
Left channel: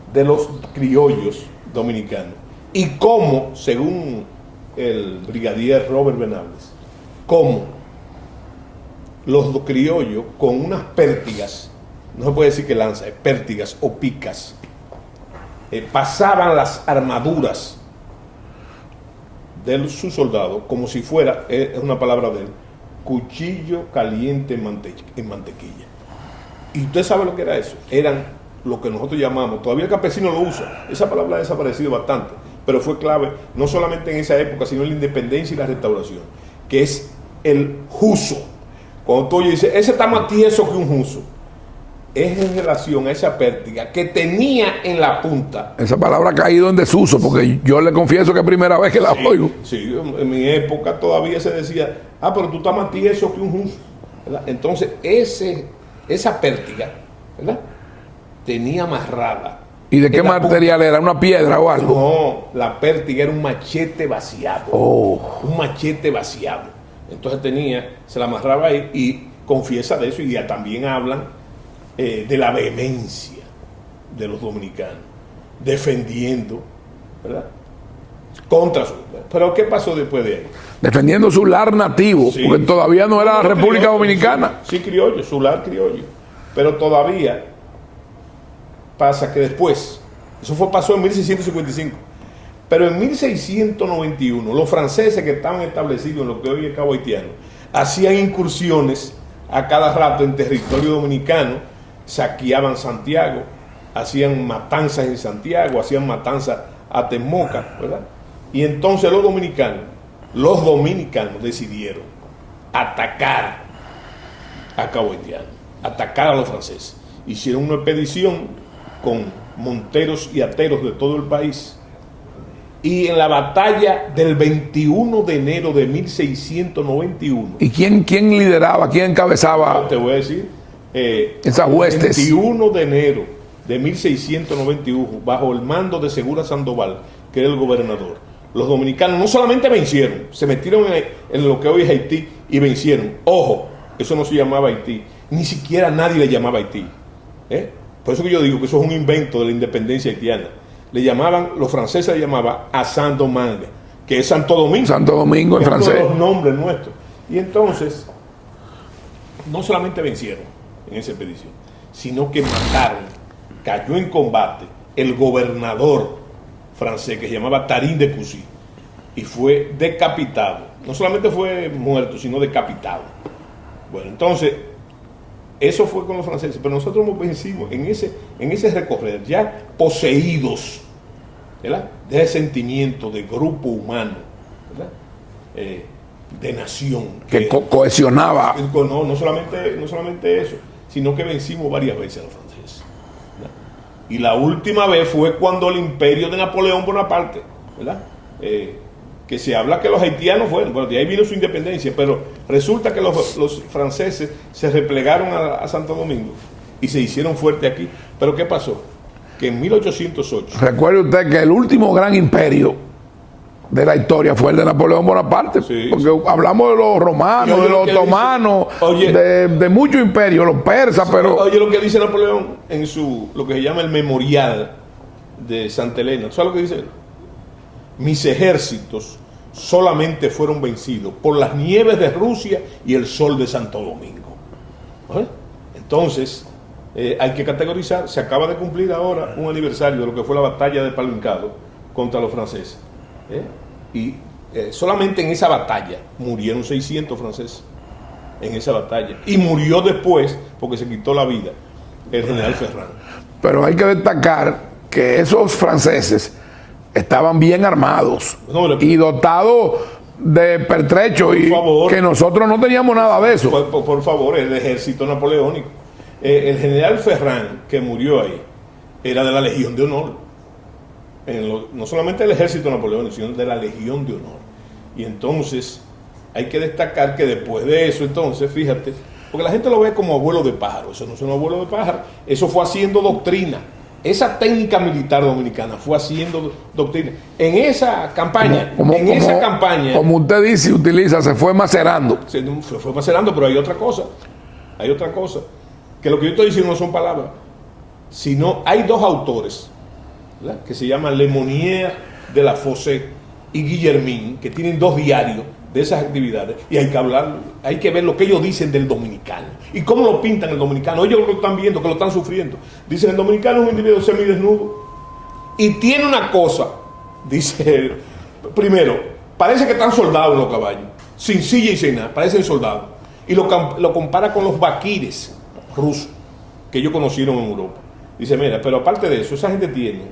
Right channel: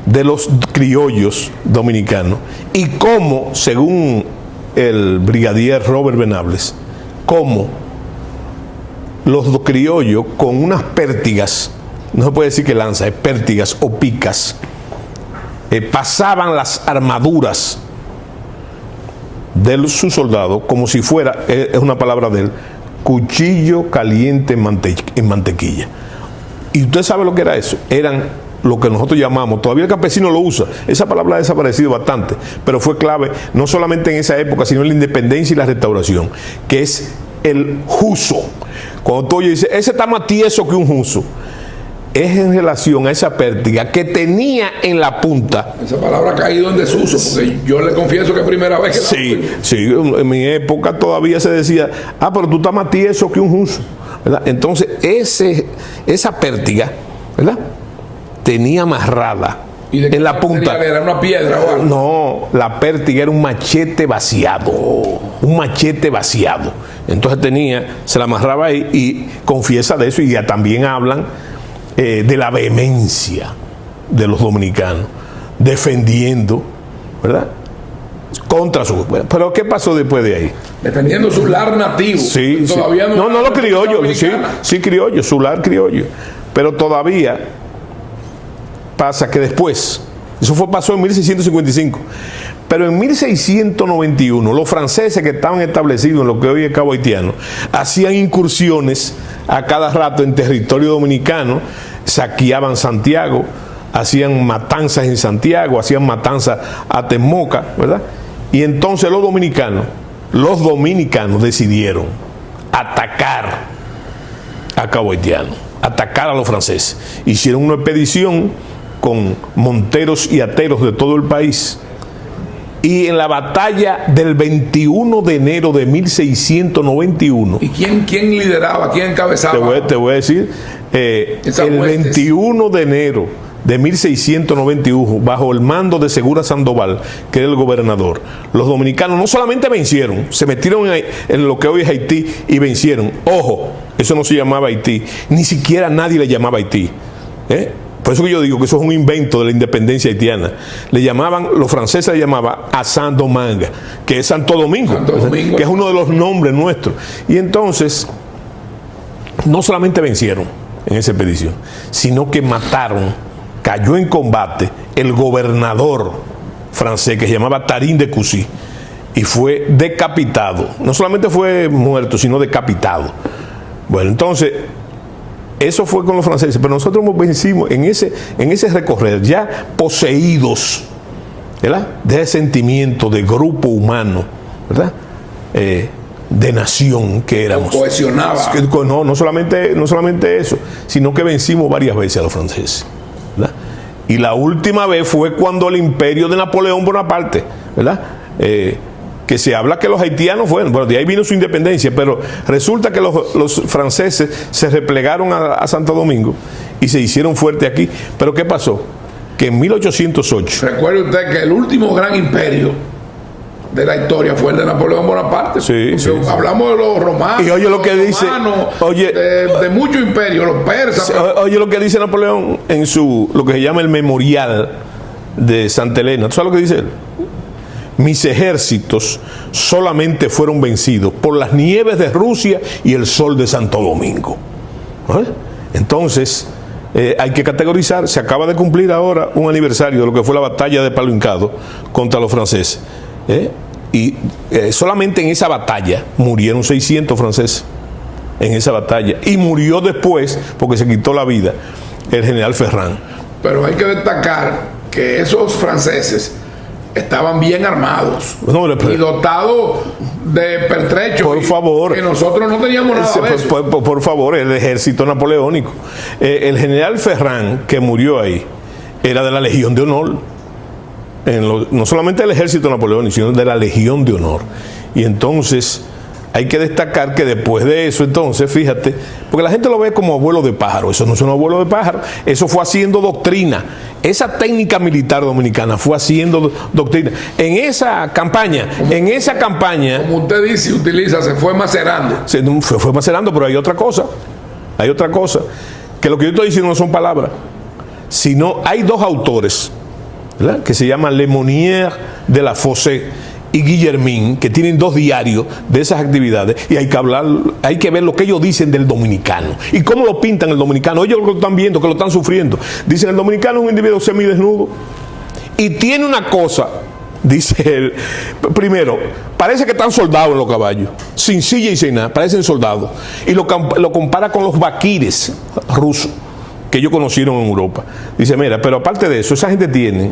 de los criollos dominicanos y cómo, según el brigadier Robert Venables, cómo los criollos con unas pértigas, no se puede decir que lanza, es pértigas o picas, pasaban las armaduras de sus soldados como si fuera, es una palabra de él, cuchillo caliente en mantequilla. Y usted sabe lo que era eso. Eran lo que nosotros llamamos, todavía el campesino lo usa, esa palabra ha desaparecido bastante, pero fue clave no solamente en esa época, sino en la independencia y la restauración, que es el juso. Cuando tú dices, ese está más tieso que un juso, es en relación a esa pértiga que tenía en la punta. Esa palabra ha caído en desuso, porque yo le confieso que es primera vez que la oigo. Sí, en mi época todavía se decía, pero tú estás más tieso que un juso, ¿verdad? Entonces, esa pértiga, ¿verdad?, tenía amarrada. ¿Y de qué material era? ¿Una piedra o algo? No, la pértiga era un machete vaciado. Un machete vaciado. Entonces se la amarraba ahí, y confiesa de eso, y ya también hablan de la vehemencia de los dominicanos defendiendo, ¿verdad?, contra su... Pero ¿qué pasó después de ahí? Defendiendo su lar nativo, sí, porque todavía no era la República criollo, Dominicana. Sí, criollo, su lar criollo. Pero todavía pasa que después, eso pasó en 1655, pero en 1691 los franceses que estaban establecidos en lo que hoy es Cabo Haitiano hacían incursiones a cada rato en territorio dominicano, saqueaban Santiago, hacían matanzas en Santiago, hacían matanzas a Temoca, ¿verdad? Y entonces los dominicanos decidieron atacar a Cabo Haitiano, atacar a los franceses. Hicieron una expedición con monteros y ateros de todo el país. Y en la batalla del 21 de enero de 1691... ¿Y quién lideraba? ¿Quién encabezaba? Te voy a decir, el 21 de enero de 1691, bajo el mando de Segura Sandoval, que era el gobernador, los dominicanos no solamente vencieron, se metieron en lo que hoy es Haití y vencieron. Ojo, eso no se llamaba Haití, ni siquiera nadie le llamaba Haití. Por eso que yo digo que eso es un invento de la independencia haitiana. Los franceses le llamaban a Saint-Domingue, que es Santo Domingo, que es uno de los nombres nuestros. Y entonces, no solamente vencieron en esa expedición, sino que mataron, cayó en combate el gobernador francés que se llamaba Tarin de Coucy, y fue decapitado. No solamente fue muerto, sino decapitado. Bueno, entonces, eso fue con los franceses, pero nosotros vencimos en ese recorrer, ya poseídos, ¿verdad?, de ese sentimiento de grupo humano, ¿verdad? de nación que éramos. Cohesionaba. No solamente eso, sino que vencimos varias veces a los franceses, ¿verdad? Y la última vez fue cuando el imperio de Napoleón Bonaparte, ¿verdad? Que se habla que los haitianos fueron, bueno, de ahí vino su independencia, pero resulta que los franceses se replegaron a Santo Domingo y se hicieron fuertes aquí. Pero ¿qué pasó? Que en 1808... Recuerde usted que el último gran imperio de la historia fue el de Napoleón Bonaparte. Sí, porque sí, hablamos de los romanos, y oye de lo los que otomanos, dice, de muchos imperios, los persas. Sí, pero oye lo que dice Napoleón en lo que se llama el memorial de Santa Elena. ¿Tú sabes lo que dice él? Mis ejércitos solamente fueron vencidos por las nieves de Rusia y el sol de Santo Domingo. ¿Vale? Entonces, hay que categorizar. Se acaba de cumplir ahora un aniversario de lo que fue la batalla de Palo Hincado contra los franceses. Y solamente en esa batalla murieron 600 franceses. En esa batalla. Y murió después, porque se quitó la vida, el general Ferrand. Pero hay que destacar que esos franceses estaban bien armados y dotados de pertrechos, por favor, que nosotros no teníamos nada de eso. Por favor, el ejército napoleónico. El general Ferrand, que murió ahí, era de la Legión de Honor. No solamente del ejército napoleónico, sino de la Legión de Honor. Y entonces hay que destacar que después de eso, entonces, fíjate, porque la gente lo ve como abuelo de pájaro. Eso no es un abuelo de pájaro, eso fue haciendo doctrina. Esa técnica militar dominicana fue haciendo doctrina. En esa campaña, como usted dice, se fue macerando. Fue macerando, pero hay otra cosa, que lo que yo estoy diciendo no son palabras, sino hay dos autores, ¿verdad?, que se llaman Lemonnier de la Fossé y Guillermín, que tienen 2 diarios de esas actividades, y hay que ver lo que ellos dicen del dominicano y cómo lo pintan el dominicano. Ellos lo están viendo, que lo están sufriendo. Dicen: el dominicano es un individuo semidesnudo y tiene una cosa, dice él, primero, parece que están soldados en los caballos, sin silla y sin nada, parecen soldados, y lo compara con los vaquires rusos que ellos conocieron en Europa. Dice: mira, pero aparte de eso, esa gente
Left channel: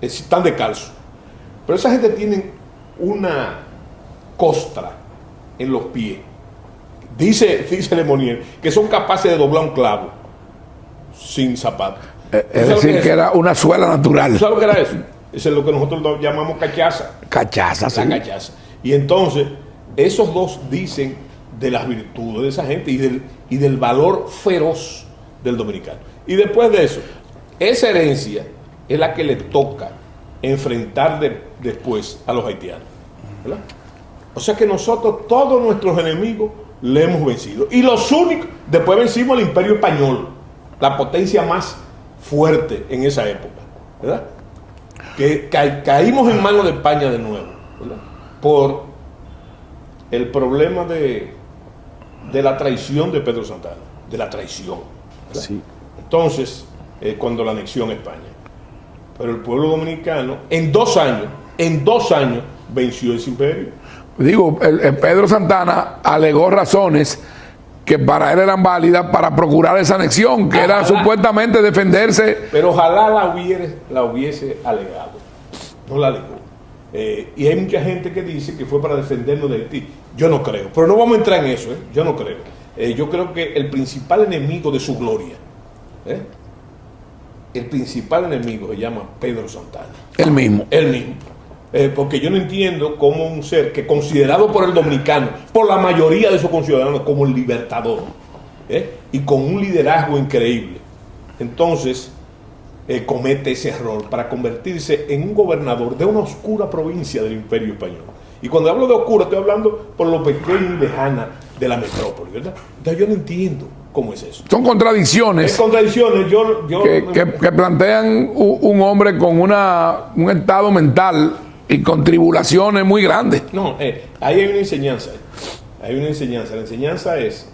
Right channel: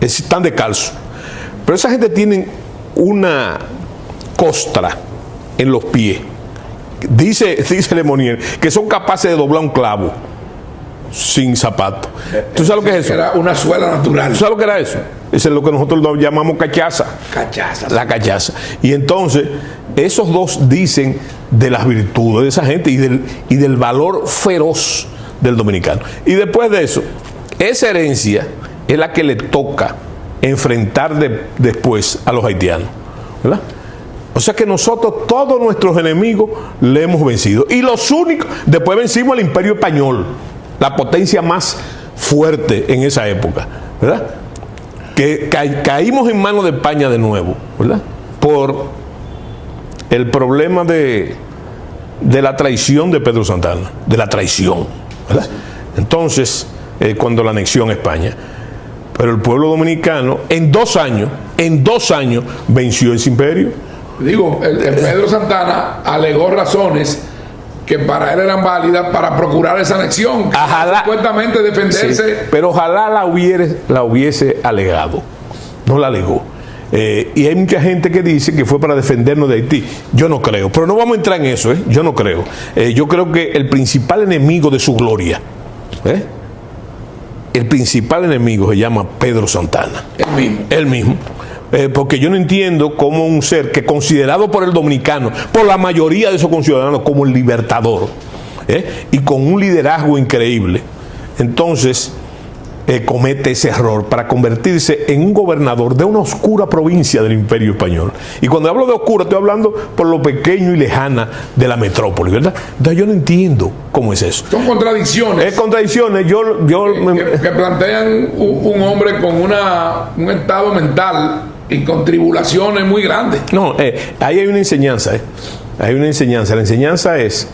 están descalzos. Pero esa gente tiene una costra en los pies. Dice Lemonnier que son capaces de doblar un clavo sin zapato. ¿Tú sabes lo que es eso? Que era una suela natural. ¿Tú sabes lo que era eso? Eso es lo que nosotros llamamos cachaza. La sí. Cachaza. Y entonces, esos dos dicen de las virtudes de esa gente y del valor feroz del dominicano. Y después de eso, esa herencia es la que le toca enfrentar después a los haitianos, ¿verdad? O sea que nosotros, todos nuestros enemigos, le hemos vencido. Y los únicos, después vencimos al Imperio Español, la potencia más fuerte en esa época, ¿verdad? Que caímos en manos de España de nuevo, ¿verdad? Por el problema de la traición de Pedro Santana, de la traición, ¿verdad? Sí. Cuando la anexión a España. Pero el pueblo dominicano en dos años venció ese imperio. Digo, el Pedro Santana alegó razones que para él eran válidas para procurar esa anexión, que era supuestamente defenderse. Sí, pero ojalá la hubiese alegado. No la alegó. Y hay mucha gente que dice que fue para defendernos de Haití. Yo no creo, pero no vamos a entrar en eso, yo no creo. Yo creo que el principal enemigo de su gloria, el principal enemigo se llama Pedro Santana. Él mismo. Porque yo no entiendo cómo un ser que considerado por el dominicano, por la mayoría de esos conciudadanos, como el libertador, y con un liderazgo increíble, entonces comete ese error para convertirse en un gobernador de una oscura provincia del Imperio Español. Y cuando hablo de oscura, estoy hablando por lo pequeño y lejana de la metrópoli, ¿verdad? Entonces yo no entiendo cómo es eso. Son contradicciones. Es contradicciones. Que plantean un hombre con un estado mental y con tribulaciones muy grandes. No, ahí hay una enseñanza. Hay una enseñanza. La enseñanza es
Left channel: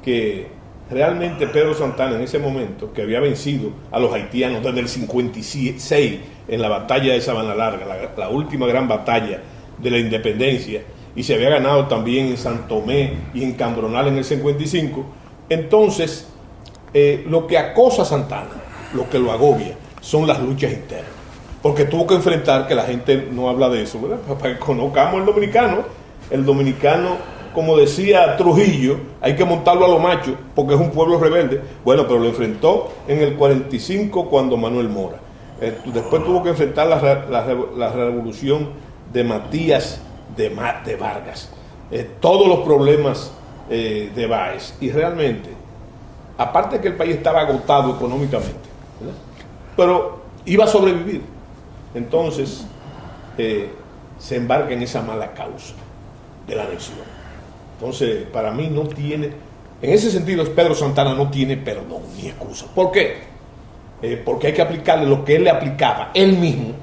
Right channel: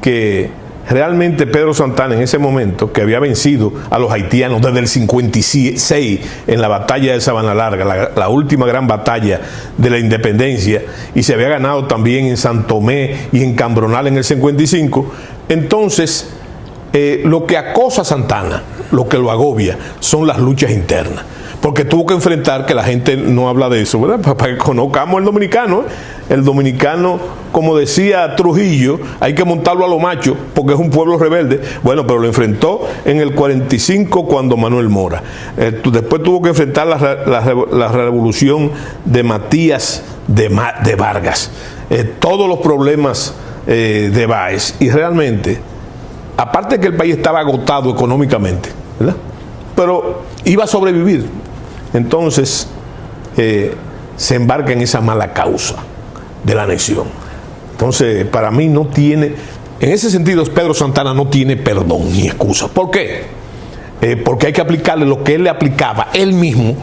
que realmente Pedro Santana, en ese momento, que había vencido a los haitianos desde el 56 en la batalla de Sabana Larga, la última gran batalla de la independencia, y se había ganado también en San Tomé y en Cambronal en el 55, entonces lo que acosa a Santana, lo que lo agobia, son las luchas internas. Porque tuvo que enfrentar, que la gente no habla de eso, ¿verdad? Para que conozcamos el dominicano, el dominicano, como decía Trujillo, hay que montarlo a lo macho porque es un pueblo rebelde. Bueno, pero lo enfrentó en el 45 cuando Manuel Mora. Después tuvo que enfrentar la revolución de Matías de Vargas. Todos los problemas de Báez. Y realmente, aparte de que el país estaba agotado económicamente, ¿verdad?, pero iba a sobrevivir. Entonces, se embarca en esa mala causa de la anexión. Entonces, para mí no tiene, en ese sentido, Pedro Santana no tiene perdón ni excusa. ¿Por qué? Porque hay que aplicarle lo que él le aplicaba, él mismo,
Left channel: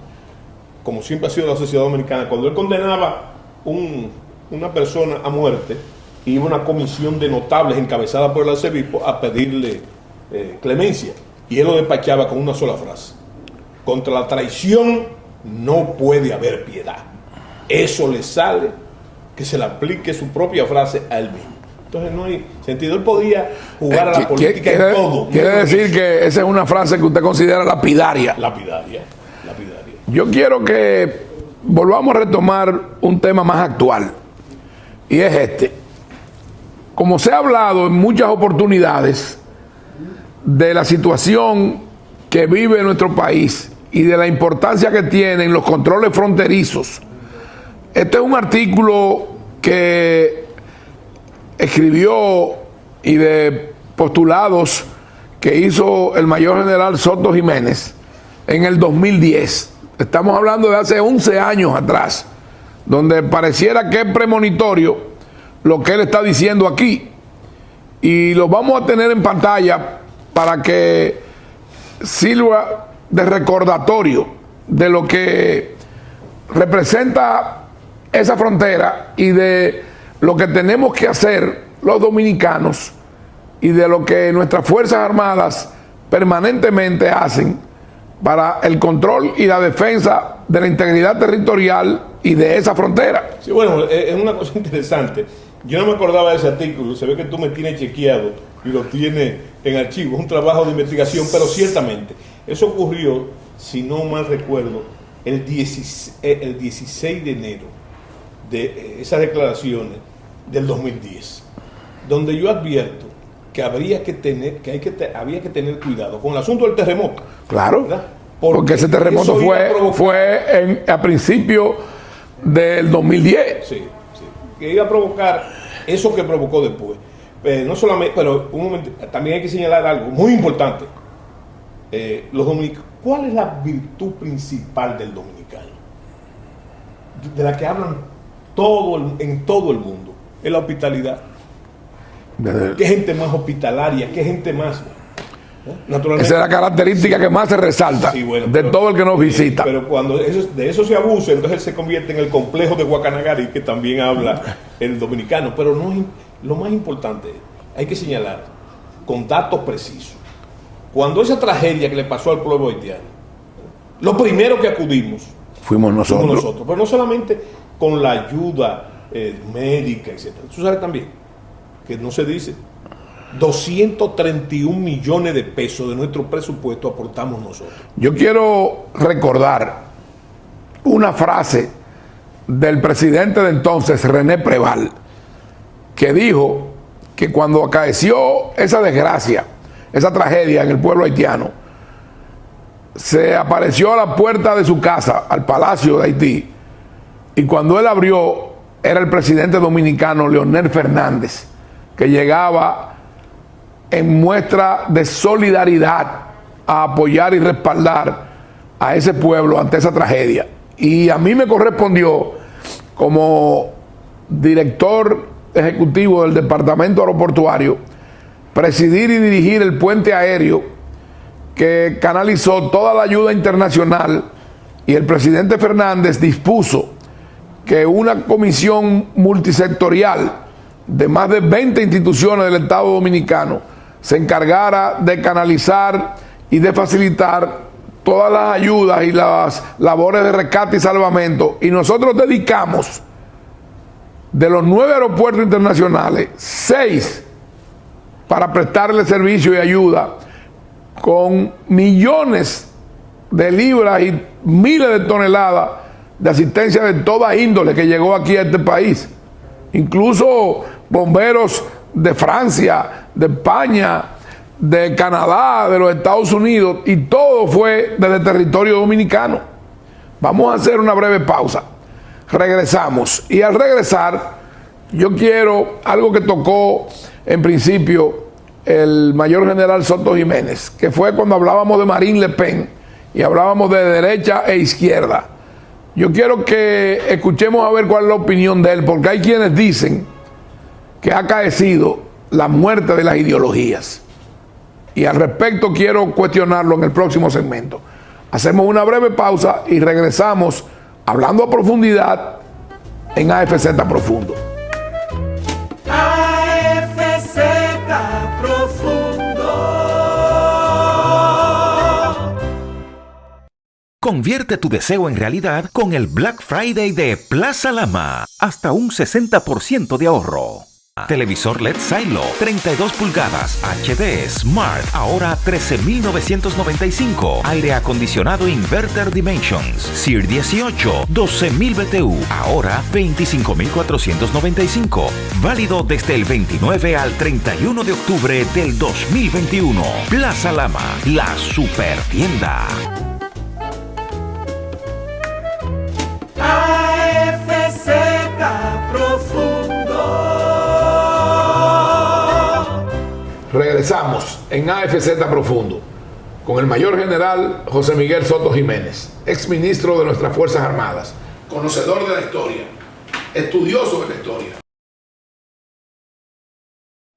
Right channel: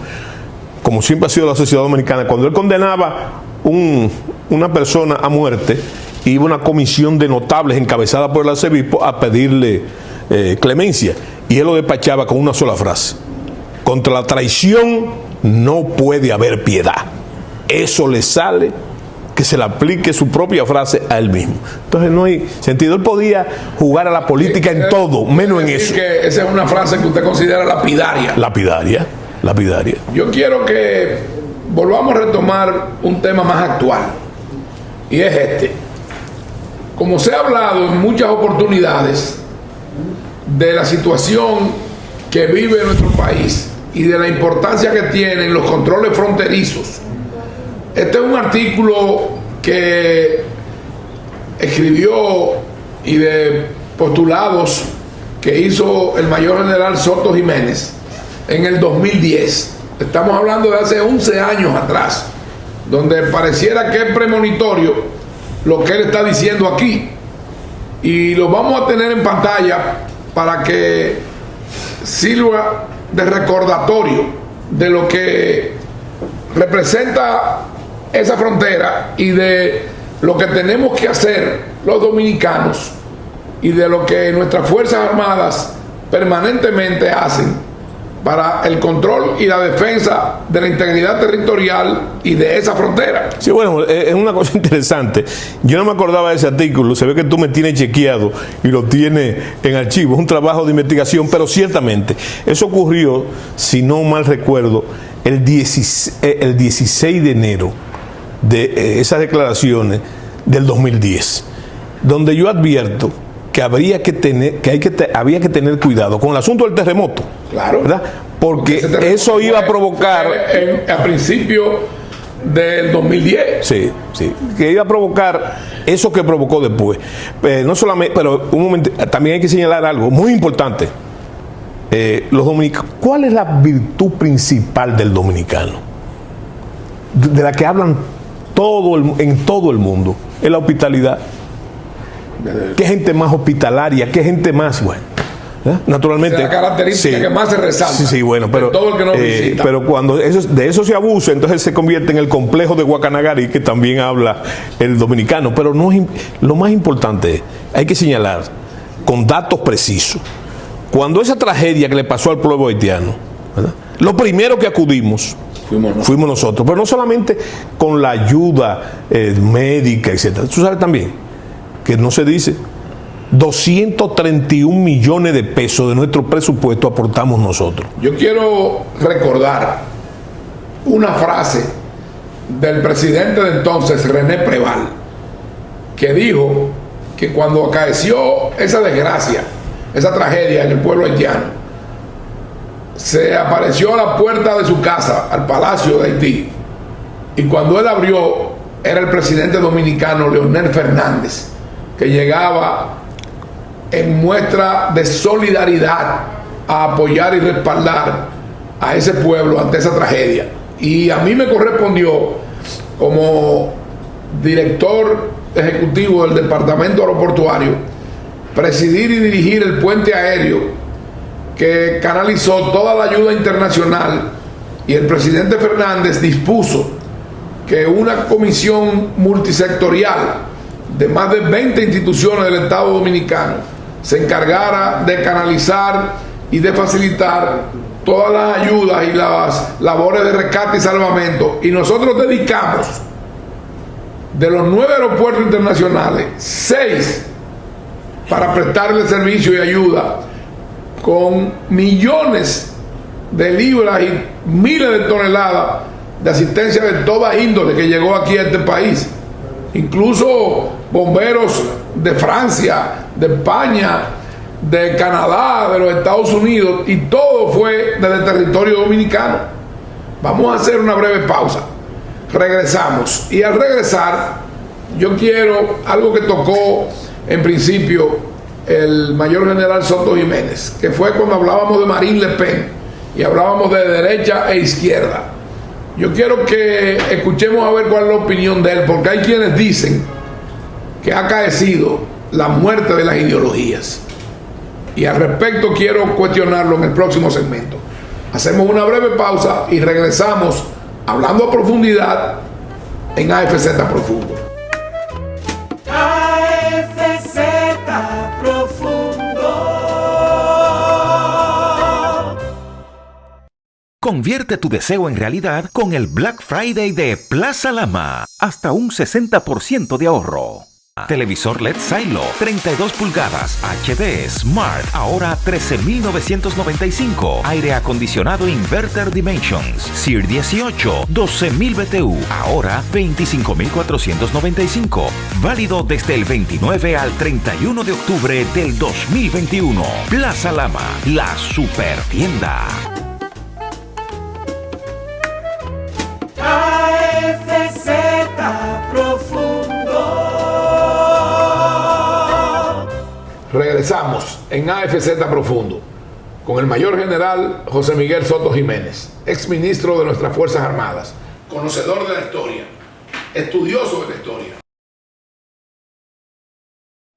como siempre ha sido la sociedad dominicana. Cuando él condenaba una persona a muerte, iba una comisión de notables encabezada por el arzobispo a pedirle clemencia. Y él lo despachaba con una sola frase: contra la traición no puede haber piedad. Eso le sale que se le aplique su propia frase a él mismo. Entonces no hay sentido. Él podía jugar a la política en todo, menos en eso. Decir que esa es una frase que usted considera lapidaria. Lapidaria. Yo quiero que volvamos a retomar un tema más actual, y es este. Como se ha hablado en muchas oportunidades de la situación que vive nuestro país y de la importancia que tienen los controles fronterizos, este es un artículo que escribió y de postulados que hizo el mayor general Soto Jiménez en el 2010. Estamos hablando de hace 11 años atrás, donde pareciera que es premonitorio lo que él está diciendo aquí. Y lo vamos a tener en pantalla para que sirva de recordatorio de lo que representa esa frontera y de lo que tenemos que hacer los dominicanos y de lo que nuestras Fuerzas Armadas permanentemente hacen para el control y la defensa de la integridad territorial y de esa frontera. Sí, bueno, es una cosa interesante. Yo no me acordaba de ese artículo. Se ve que tú me tienes chequeado y lo tienes en archivo. Es un trabajo de investigación, pero ciertamente eso ocurrió, si no mal recuerdo, el 16 de enero de esas declaraciones del 2010, donde yo advierto que había que tener cuidado con el asunto del terremoto. Claro, ¿verdad? Porque ese terremoto eso iba a provocar a principios del 2010. Sí, que iba a provocar eso que provocó después. No solamente, pero un momento, también hay que señalar algo muy importante. Los dominicanos, ¿cuál es la virtud principal del dominicano? De la que hablan en todo el mundo, es la hospitalidad. ¿Qué gente más hospitalaria? ¿Qué gente más buena? Naturalmente. Esa es la característica que más se resalta. Sí, bueno, pero, de todo el que nos visita. Pero cuando de eso se abusa, entonces se convierte en el complejo de Guacanagari, que también habla el dominicano. Pero no es, lo más importante es, hay que señalar con datos precisos. Cuando esa tragedia que le pasó al pueblo haitiano, ¿verdad?, lo primero que acudimos fuimos nosotros. Pero no solamente con la ayuda médica, etcétera. Tú sabes también que no se dice, 231 millones de pesos de nuestro presupuesto aportamos nosotros. Yo quiero recordar una frase del presidente de entonces, René Preval, que dijo que cuando acaeció esa desgracia, esa tragedia en el pueblo haitiano, se apareció a la puerta de su casa, al Palacio de Haití, y cuando él abrió, era el presidente dominicano Leonel Fernández, que llegaba en muestra de solidaridad a apoyar y respaldar a ese pueblo ante esa tragedia. Y a mí me correspondió, como director ejecutivo del Departamento Aeroportuario, presidir y dirigir el puente aéreo que canalizó toda la ayuda internacional, y el presidente Fernández dispuso que una comisión multisectorial de más de 20 instituciones del Estado Dominicano se encargara de canalizar y de facilitar todas las ayudas y las labores de rescate y salvamento. Y nosotros dedicamos, de los 9 aeropuertos internacionales, 6 para prestarle servicio y ayuda, con millones de libras y miles de toneladas de asistencia de toda índole que llegó aquí a este país. incluso bomberos de Francia, de España, de Canadá, de los Estados Unidos, y todo fue desde el territorio dominicano. Vamos a hacer una breve pausa, regresamos, y al regresar yo quiero algo que tocó en principio el mayor general Soto Jiménez, que fue cuando hablábamos de Marine Le Pen y hablábamos de derecha e izquierda. Yo quiero que escuchemos a ver cuál es la opinión de él, porque hay quienes dicen que ha acaecido la muerte de las ideologías, y al respecto quiero cuestionarlo en el próximo segmento. Hacemos una breve pausa y regresamos hablando a profundidad en AFZ Profundo. AFZ Profundo. Convierte tu deseo en realidad con el Black Friday de Plaza Lama. Hasta un 60% de ahorro. Televisor LED Silo, 32 pulgadas, HD Smart, ahora 13,995. Aire acondicionado Inverter Dimensions, SEER 18, 12,000 BTU, ahora 25,495. Válido desde el 29 al 31 de octubre del 2021. Plaza Lama, la super tienda. AFZ Profundo. Regresamos en AFZ Profundo con el mayor general José Miguel Soto Jiménez, ex ministro de nuestras Fuerzas Armadas, conocedor de la historia, estudioso de la historia.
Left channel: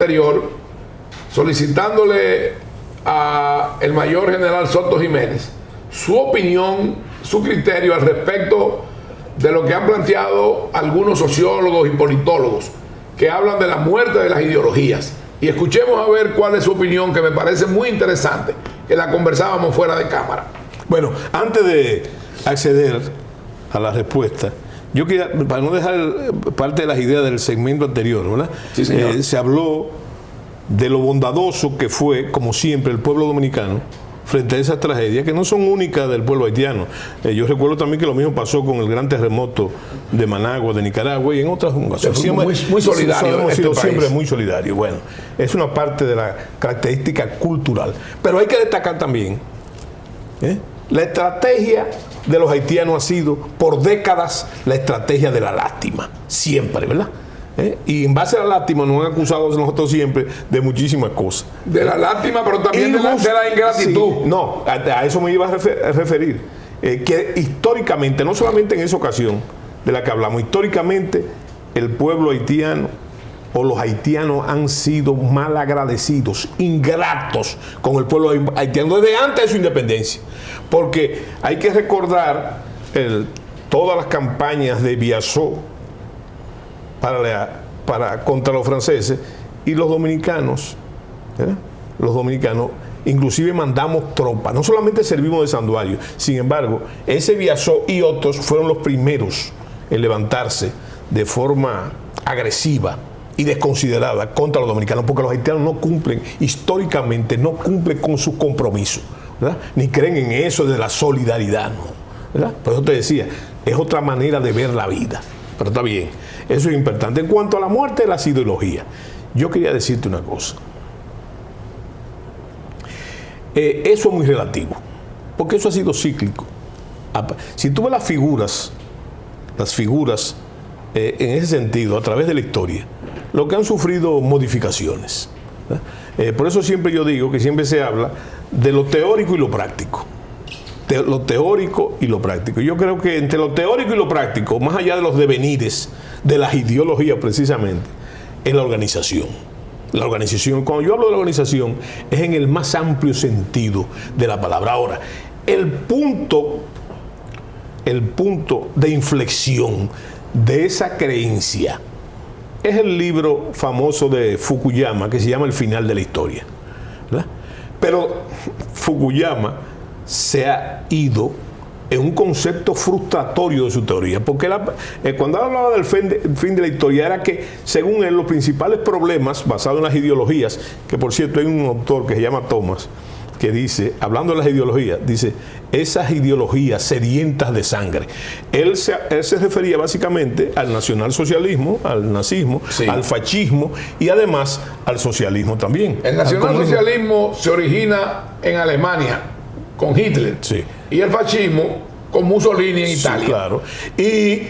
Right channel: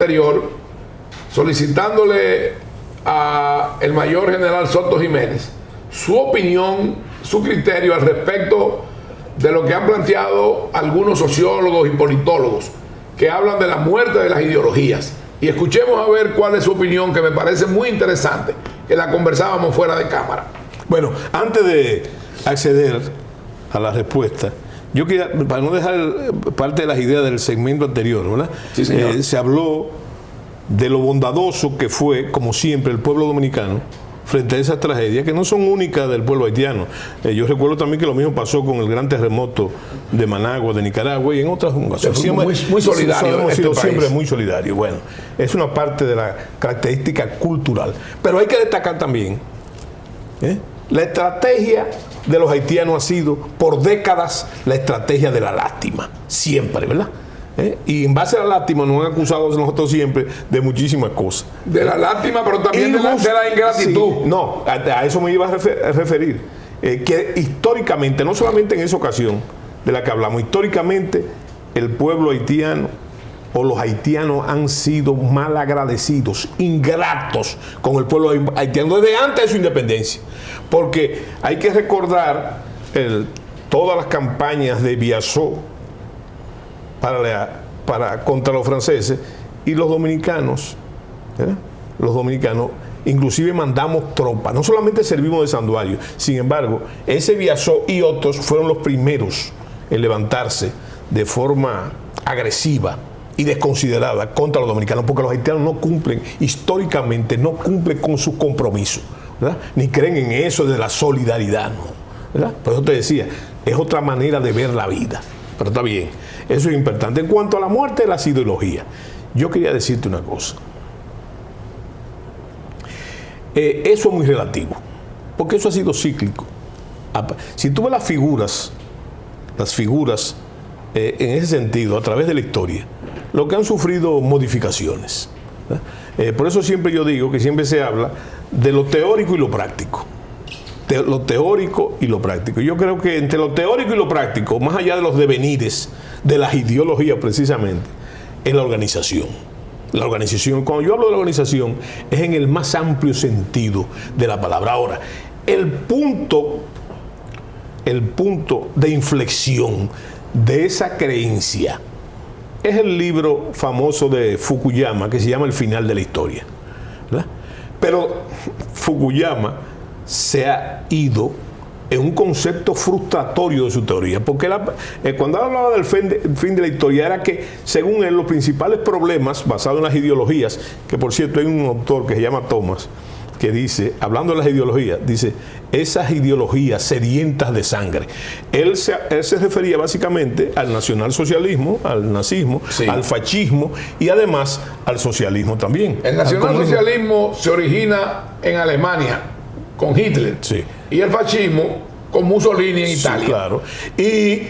Anterior, solicitándole al mayor general Soto Jiménez su opinión, su criterio al respecto de lo que han planteado algunos sociólogos y politólogos que hablan de la muerte de las ideologías. Y escuchemos a ver cuál es su opinión, que me parece muy interesante, que la conversábamos fuera de cámara. Bueno, antes de acceder a la respuesta, yo quería, para no dejar parte de las ideas del segmento anterior, ¿verdad? Sí, señor. Se habló de lo bondadoso que fue, como siempre, el pueblo dominicano frente a esas tragedias que no son únicas del pueblo haitiano. Yo recuerdo también que lo mismo pasó con el gran terremoto de Managua, de Nicaragua, y en otras ocasiones. Muy solidario. Hemos sido siempre muy solidarios. Bueno, es una parte de la característica cultural. Pero hay que destacar también, la estrategia de los haitianos ha sido por décadas la estrategia de la lástima. Siempre, ¿verdad? Y en base a la lástima nos han acusado nosotros siempre de muchísimas cosas. De la lástima, pero también de la ingratitud. Sí, no, a eso me iba a referir. Que históricamente, no solamente en esa ocasión de la que hablamos, históricamente el pueblo haitiano o los haitianos han sido mal agradecidos, ingratos con el pueblo haitiano desde antes de su independencia. Porque hay que recordar todas las campañas de Biasó contra los franceses, y los dominicanos, los dominicanos inclusive mandamos tropas, no solamente servimos de santuario. Sin embargo, ese Biasó y otros fueron los primeros en levantarse de forma agresiva y desconsiderada contra los dominicanos, porque los haitianos no cumplen, históricamente no cumplen con sus compromisos, ¿verdad? Ni creen en eso de la solidaridad, ¿no? ¿Verdad? Por eso te decía, es otra manera de ver la vida. Pero está bien, eso es importante. En cuanto a la muerte de las ideologías, yo quería decirte una cosa. Eso es muy relativo, porque eso ha sido cíclico. Si tú ves las figuras en ese sentido, a través de la historia, lo que han sufrido modificaciones. Por eso siempre yo digo que siempre se habla de lo teórico y lo práctico. Lo teórico y lo práctico. Yo creo que entre lo teórico y lo práctico, más allá de los devenires de las ideologías precisamente, es la organización. La organización, cuando yo hablo de la organización, es en el más amplio sentido de la palabra. Ahora, el punto de inflexión de esa creencia es el libro famoso de Fukuyama que se llama El final de la historia, ¿verdad? Pero Fukuyama se ha ido en un concepto frustratorio de su teoría, porque cuando él hablaba del fin de la historia era que, según él, los principales problemas basados en las ideologías, que por cierto hay un autor que se llama Thomas, que dice, hablando de las ideologías, dice, esas ideologías sedientas de sangre. Él se refería básicamente al nacionalsocialismo, al nazismo, sí, al fascismo y además al socialismo también. El nacionalsocialismo se origina en Alemania con Hitler, sí, y el fascismo con Mussolini en Italia. Sí, claro. Y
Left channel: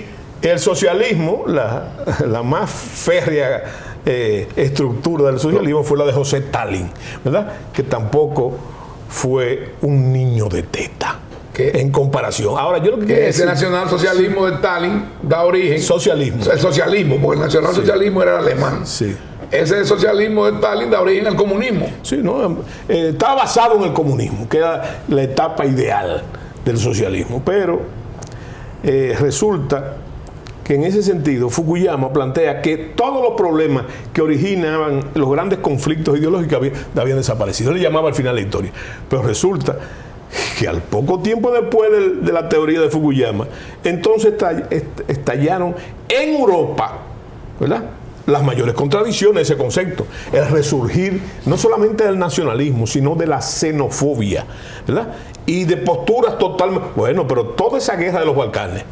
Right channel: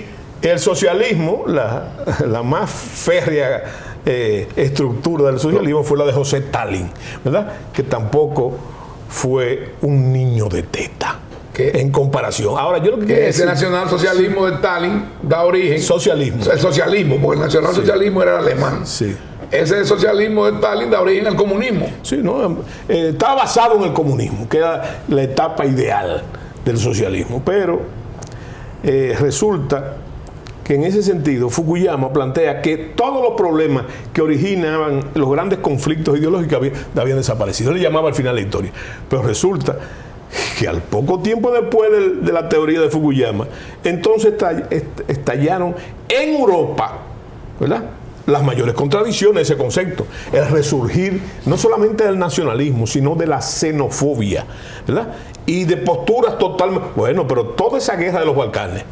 el socialismo, la más férrea estructura del socialismo fue la de José Stalin, ¿verdad? Que tampoco fue un niño de teta en comparación. Ahora, yo lo que quiero ese decir, nacionalsocialismo de Stalin da origen socialismo. El socialismo, porque el nacionalsocialismo era alemán. Sí. Ese socialismo de Stalin da origen al comunismo. Sí, no, está basado en el comunismo, que era la etapa ideal del socialismo. Pero resulta que en ese sentido Fukuyama plantea que todos los problemas que originaban los grandes conflictos ideológicos habían desaparecido. Él le llamaba al final la historia. Pero resulta que al poco tiempo después de la teoría de Fukuyama, entonces estallaron en Europa, ¿verdad?, las mayores contradicciones de ese concepto. El resurgir no solamente del nacionalismo, sino de la xenofobia, ¿verdad?, y de posturas totalmente... Bueno, pero toda esa guerra de los Balcanes,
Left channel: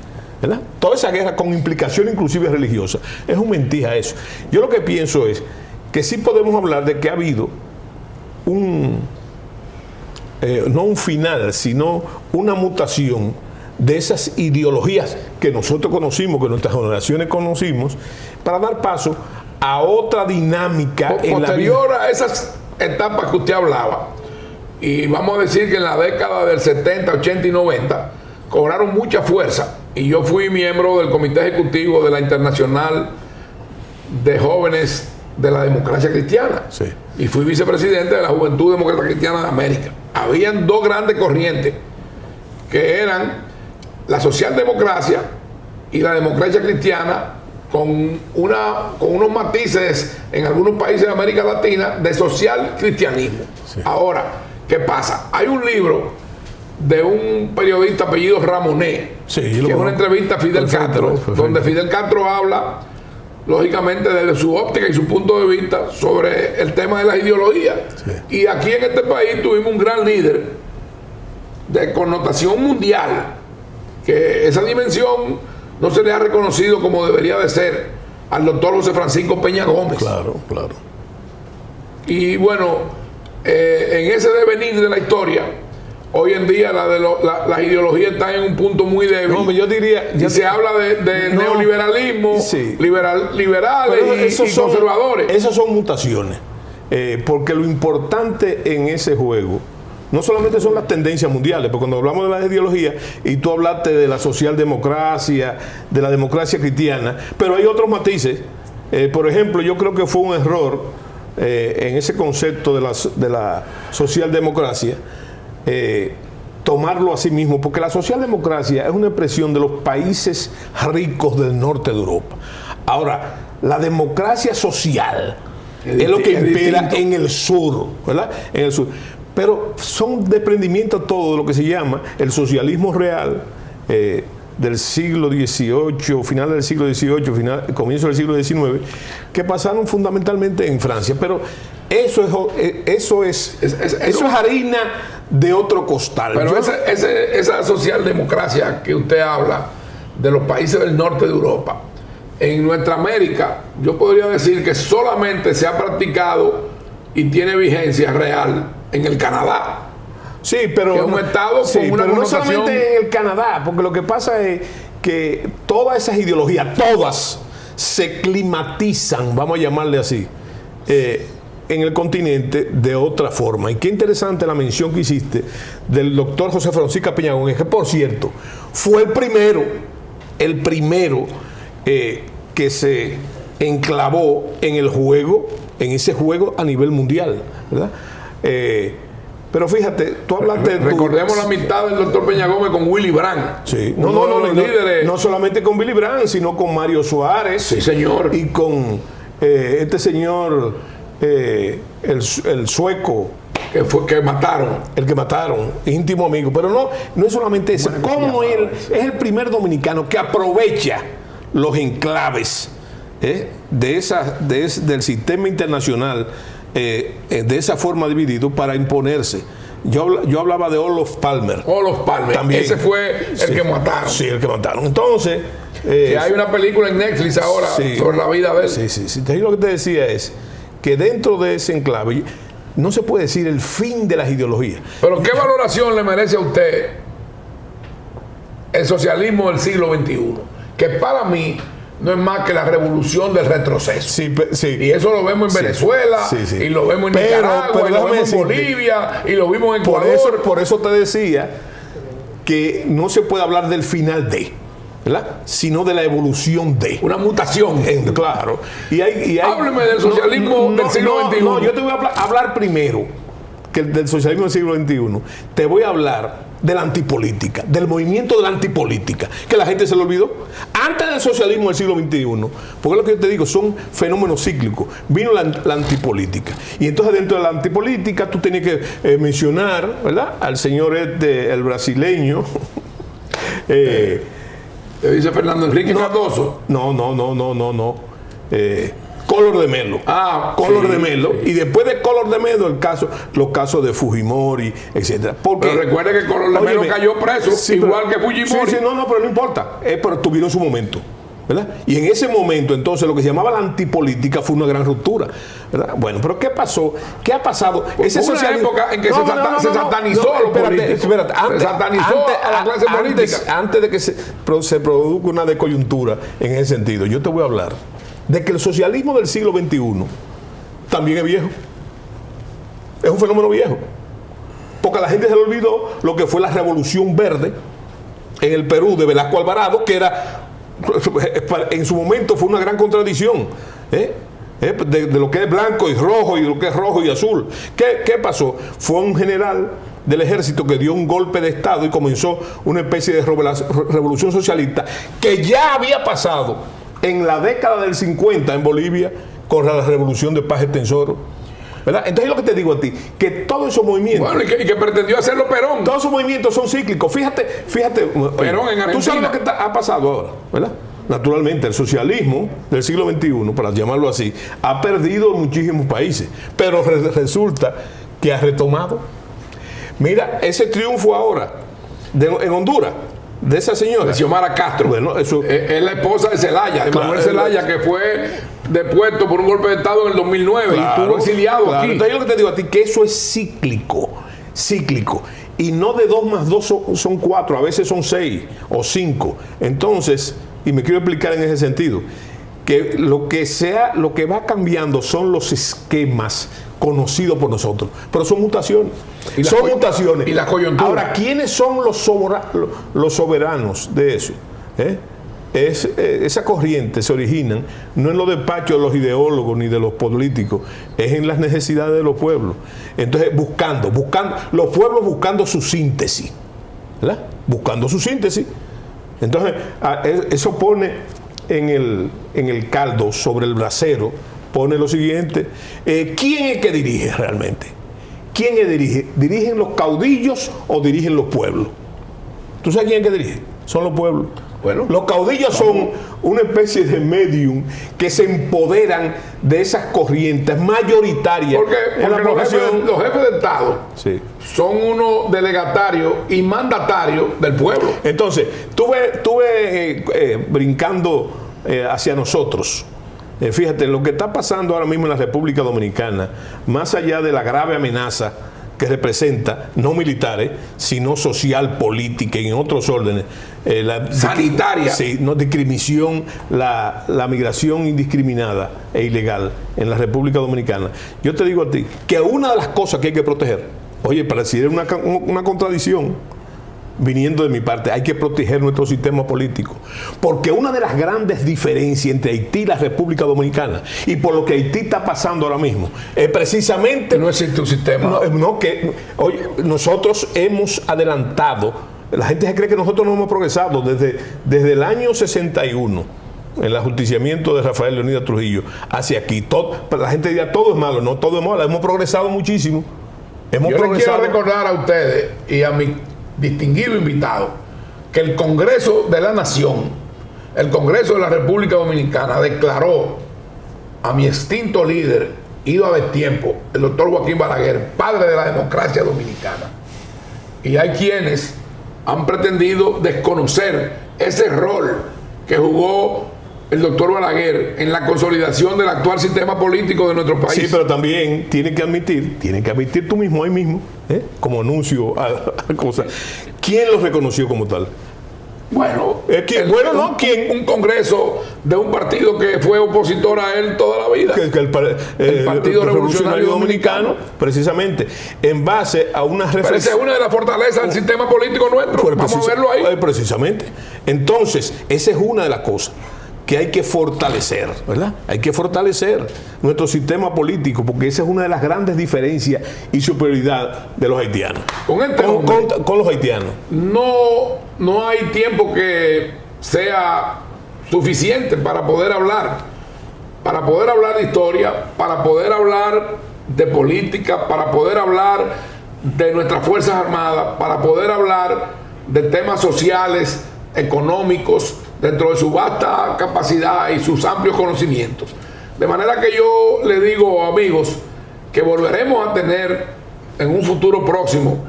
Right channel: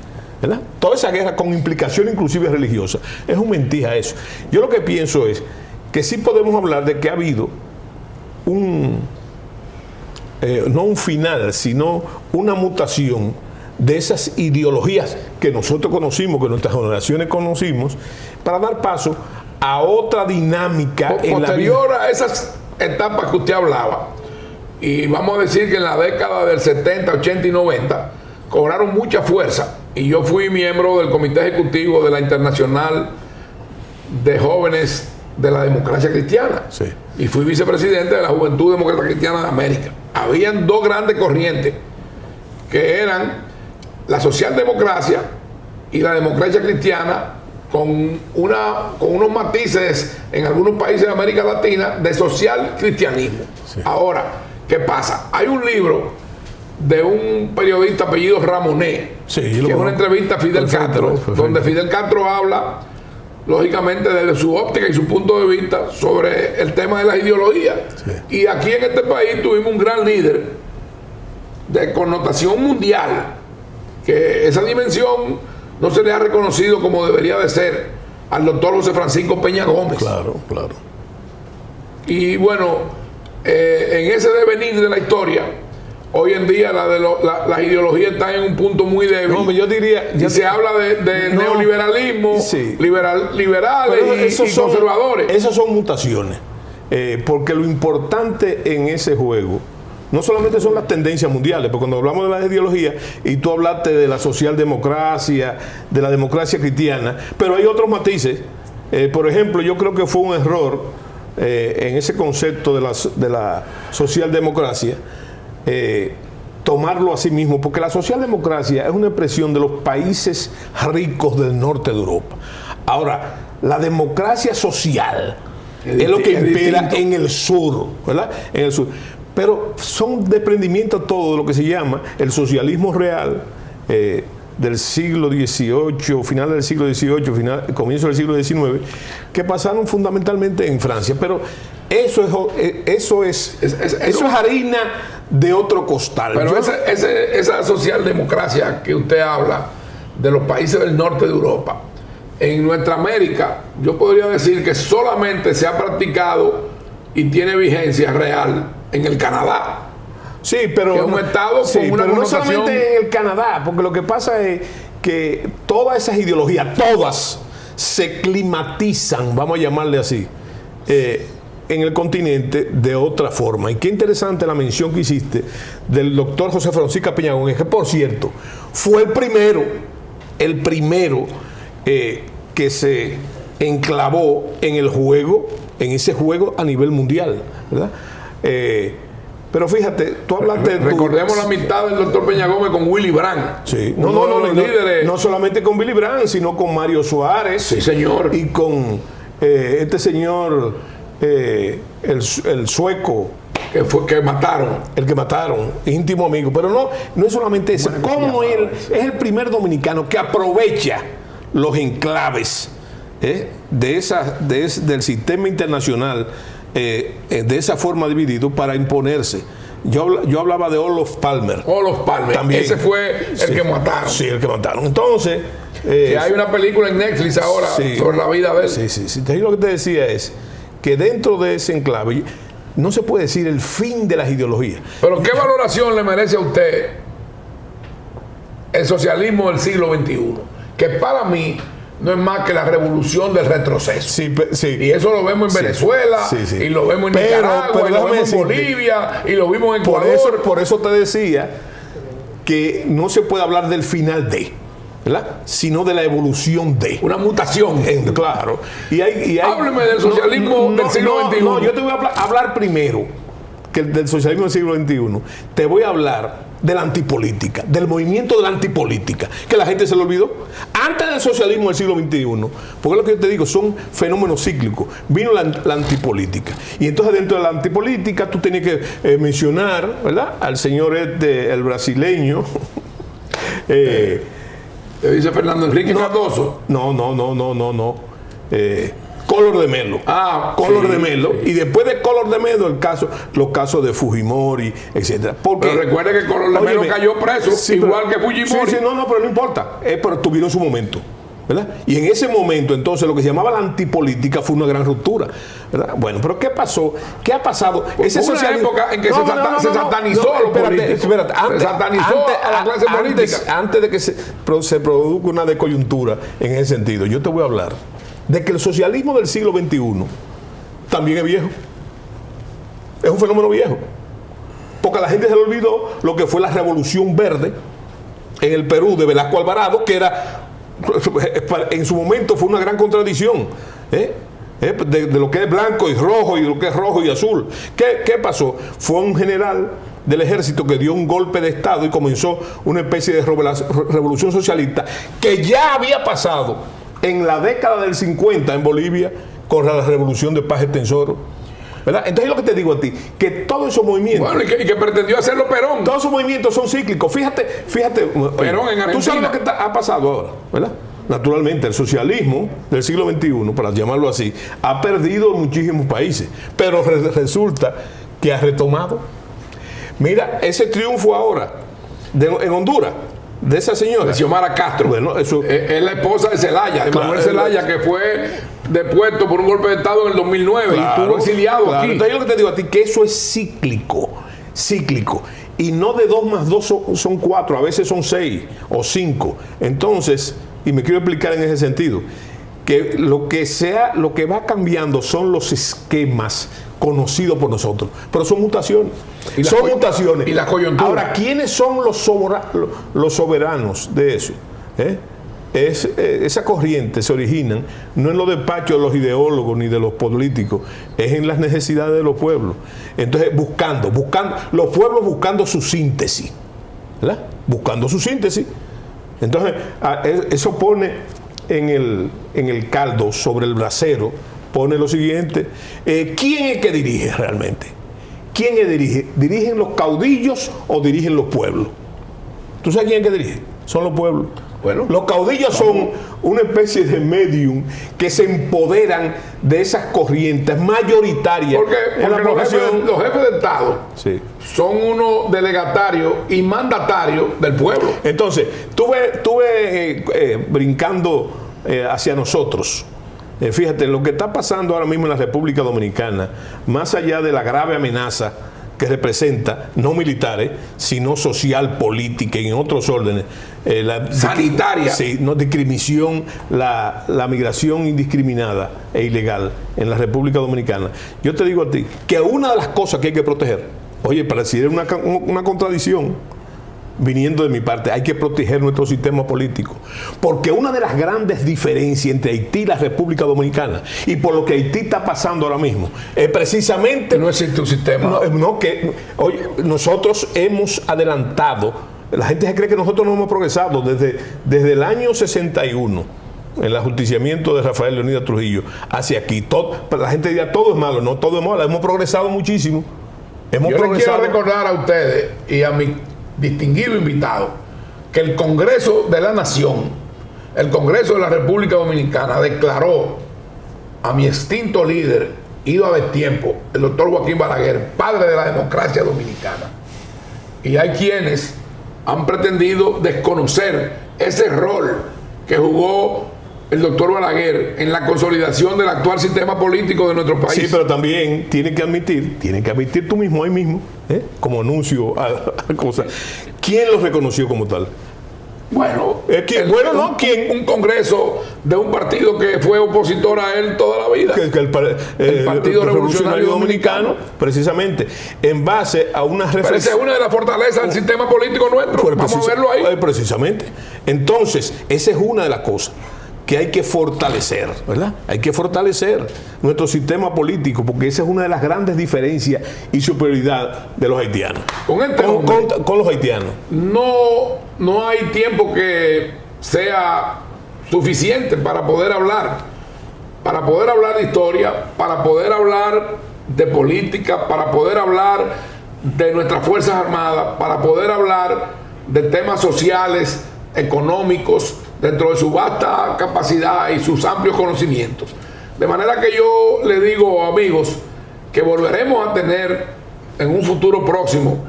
¿verdad?, toda esa guerra con implicación inclusive religiosa, es un mentira eso. Yo lo que pienso es que sí podemos hablar de que ha habido no un final, sino una mutación de esas ideologías que nosotros conocimos, que nuestras generaciones conocimos, para dar paso a otra dinámica posterior a esas etapas que usted hablaba. Y vamos a decir que en la década del 70, 80 y 90 cobraron mucha fuerza. Y yo fui miembro del comité ejecutivo de la Internacional de Jóvenes de la Democracia Cristiana. Sí. Y fui vicepresidente de la Juventud Demócrata Cristiana de América. Habían dos grandes corrientes, que eran la socialdemocracia y la democracia cristiana, con unos matices en algunos países de América Latina de social cristianismo. Sí. Ahora, ¿qué pasa? Hay un libro de un periodista apellido Ramonet, sí, que es una entrevista a Fidel Castro, donde Fidel Castro habla, lógicamente, desde su óptica y su punto de vista sobre el tema de las ideologías. Sí. Y aquí en este país tuvimos un gran líder de connotación mundial, que esa dimensión no se le ha reconocido como debería de ser al doctor José Francisco Peña Gómez. Claro, claro. Y bueno, en ese devenir de la historia, hoy en día las ideologías están en un punto muy débil. No, yo diría... se habla de neoliberalismo, sí, liberales y conservadores. Esas son mutaciones. Porque lo importante en ese juego no solamente son las tendencias mundiales, porque cuando hablamos de las ideologías, y tú hablaste de la socialdemocracia, de la democracia cristiana, pero hay otros matices. Por ejemplo, yo creo que fue un error en ese concepto de la socialdemocracia, tomarlo a sí mismo, porque la socialdemocracia es una expresión de los países ricos del norte de Europa. Ahora, la democracia social es lo que impera en el sur, ¿verdad? En el sur. Pero son desprendimientos todo de lo que se llama el socialismo real del siglo XVIII, final del siglo XVIII, comienzo del siglo XIX, que pasaron fundamentalmente en Francia. Pero eso es harina de otro costal. Pero esa socialdemocracia que usted habla de los países del norte de Europa, en nuestra América, yo podría decir que solamente se ha practicado y tiene vigencia real en el Canadá. Sí, pero que es un estado con una pero no connotación... solamente en el Canadá, porque lo que pasa es que todas esas ideologías, todas se climatizan, vamos a llamarle así, en el continente de otra forma. Y qué interesante la mención que hiciste del doctor José Francisco Peña Gómez, que por cierto fue el primero que se enclavó en el juego, en ese juego a nivel mundial, ¿verdad? Pero fíjate, tú hablaste... Recordemos la amistad del doctor Peña Gómez con Willy Brandt. Sí. No solamente con Willy Brandt, sino con Mario Suárez. Sí, señor. Y con este señor, el sueco. Que mataron. El que mataron. Íntimo amigo. Pero no es solamente eso. Como él es el primer dominicano que aprovecha los enclaves del sistema internacional de esa forma dividido para imponerse. Yo hablaba de Olof Palme. Olof Palme, también. Ese fue el que mataron. Sí, el que mataron. Entonces... que hay una película en Netflix ahora sobre la vida de él. Sí. Entonces, lo que te decía es que dentro de ese enclave no se puede decir el fin de las ideologías. Pero ¿qué valoración le merece a usted el socialismo del siglo XXI? Que para mí no es más que la revolución del retroceso. Sí. Y eso lo vemos en Venezuela, y lo vemos en Nicaragua, y lo vemos en Bolivia, y lo vimos en Ecuador. Por eso te decía que no se puede hablar del final de, ¿verdad? Sino de la evolución de. Una mutación. Claro. Hábleme del socialismo del siglo XXI. No, yo te voy a hablar primero que del socialismo del siglo XXI. Te voy a hablar de la antipolítica, del movimiento de la antipolítica, que la gente se lo olvidó. Antes del socialismo del siglo XXI, porque lo que yo te digo, son fenómenos cíclicos, vino la antipolítica. Y entonces dentro de la antipolítica tú tenías que mencionar, ¿verdad?, al señor el brasileño. ¿Te dice Fernando Enrique Cardoso? No. Collor de Mello. Collor de Mello. Y después de Collor de Mello, los casos de Fujimori, etcétera. Pero recuerde que Collor de Mello cayó preso, igual que Fujimori. Pero no importa. Pero tuvieron su momento, ¿verdad? Y en ese momento, entonces, lo que se llamaba la antipolítica fue una gran ruptura, ¿verdad? Bueno, pero ¿qué pasó? ¿Qué ha pasado? Hubo una época en que se satanizó a los políticos. Espérate, se satanizó a la clase política. Antes de que se produzca una decoyuntura en ese sentido, yo te voy a hablar de que el socialismo del siglo XXI también es viejo. Es un fenómeno viejo. Porque a la gente se le olvidó lo que fue la Revolución Verde en el Perú de Velasco Alvarado, que era, en su momento fue una gran contradicción, de lo que es blanco y rojo y lo que es rojo y azul. ¿Qué pasó? Fue un general del ejército que dio un golpe de estado y comenzó una especie de revolución socialista que ya había pasado en la década del 50 en Bolivia con la revolución de Paz Extensoro, ¿verdad? Entonces lo que te digo a ti, que todos esos movimientos... Bueno, y que pretendió hacerlo Perón. Todos esos movimientos son cíclicos. Fíjate, Perón en Argentina. Tú sabes lo que ha pasado ahora, ¿verdad? Naturalmente, el socialismo del siglo XXI, para llamarlo así, ha perdido en muchísimos países, pero resulta que ha retomado. Mira, ese triunfo ahora en Honduras, de esa señora, de Xiomara Castro. Bueno, eso es la esposa de Zelaya, de Manuel Zelaya, que fue depuesto por un golpe de estado en el 2009 y estuvo exiliado aquí. Entonces yo lo que te digo a ti, que eso es cíclico, y no de 2 más 2 son 4, a veces son 6 o 5. Entonces, y me quiero explicar en ese sentido, que lo que va cambiando son los esquemas conocidos por nosotros, pero son mutaciones. Son mutaciones. Y la coyuntura. Ahora, ¿quiénes son los soberanos de eso? Esa corriente se origina no en los despachos de los ideólogos ni de los políticos, es en las necesidades de los pueblos. Entonces, buscando los pueblos buscando su síntesis, ¿verdad? Buscando su síntesis. Entonces, eso pone en el caldo, sobre el brasero, pone lo siguiente: ¿quién es que dirige realmente? ¿Quién es que dirige? ¿Dirigen los caudillos o dirigen los pueblos? ¿Tú sabes quién es que dirige? Son los pueblos. Bueno, los caudillos son una especie de medium que se empoderan de esas corrientes mayoritarias. Porque en la población. Los jefes de Estado son unos delegatarios y mandatarios del pueblo. Entonces, tú ves brincando hacia nosotros. Fíjate, lo que está pasando ahora mismo en la República Dominicana, más allá de la grave amenaza que representa, no militares, sino social, política y en otros órdenes, sanitaria. Discriminación, la migración indiscriminada e ilegal en la República Dominicana. Yo te digo a ti que una de las cosas que hay que proteger, oye, para decir una contradicción, viniendo de mi parte, hay que proteger nuestro sistema político, porque una de las grandes diferencias entre Haití y la República Dominicana, y por lo que Haití está pasando ahora mismo, es precisamente no existe un sistema. Nosotros hemos adelantado. La gente se cree que nosotros no hemos progresado desde el año 61, en el ajusticiamiento de Rafael Leónidas Trujillo hacia aquí. La gente dirá todo es malo, no todo es malo, hemos progresado muchísimo. Yo les quiero recordar a ustedes y a mi distinguido invitado que el Congreso de la Nación, el Congreso de la República Dominicana, declaró a mi extinto líder ido a destiempo, el doctor Joaquín Balaguer, padre de la democracia dominicana. Y hay quienes han pretendido desconocer ese rol que jugó el doctor Balaguer en la consolidación del actual sistema político de nuestro país. Sí, pero también tiene que admitir tú mismo, ahí mismo, como anuncio a cosas, ¿quién lo reconoció como tal? Bueno, ¿quién? Un congreso de un partido que fue opositor a él toda la vida. El Partido Revolucionario Dominicano, precisamente, en base a una reflexión. Pero esa es una de las fortalezas del sistema político nuestro. Vamos a verlo ahí. Precisamente. Entonces, esa es una de las cosas que hay que fortalecer, ¿verdad? Hay que fortalecer nuestro sistema político, porque esa es una de las grandes diferencias y superioridad de los haitianos. Con los haitianos. No hay tiempo que sea suficiente para poder hablar de historia, para poder hablar de política, para poder hablar de nuestras Fuerzas Armadas, para poder hablar de temas sociales, económicos, dentro de su vasta capacidad y sus amplios conocimientos. De manera que yo le digo, amigos, que volveremos a tener en un futuro próximo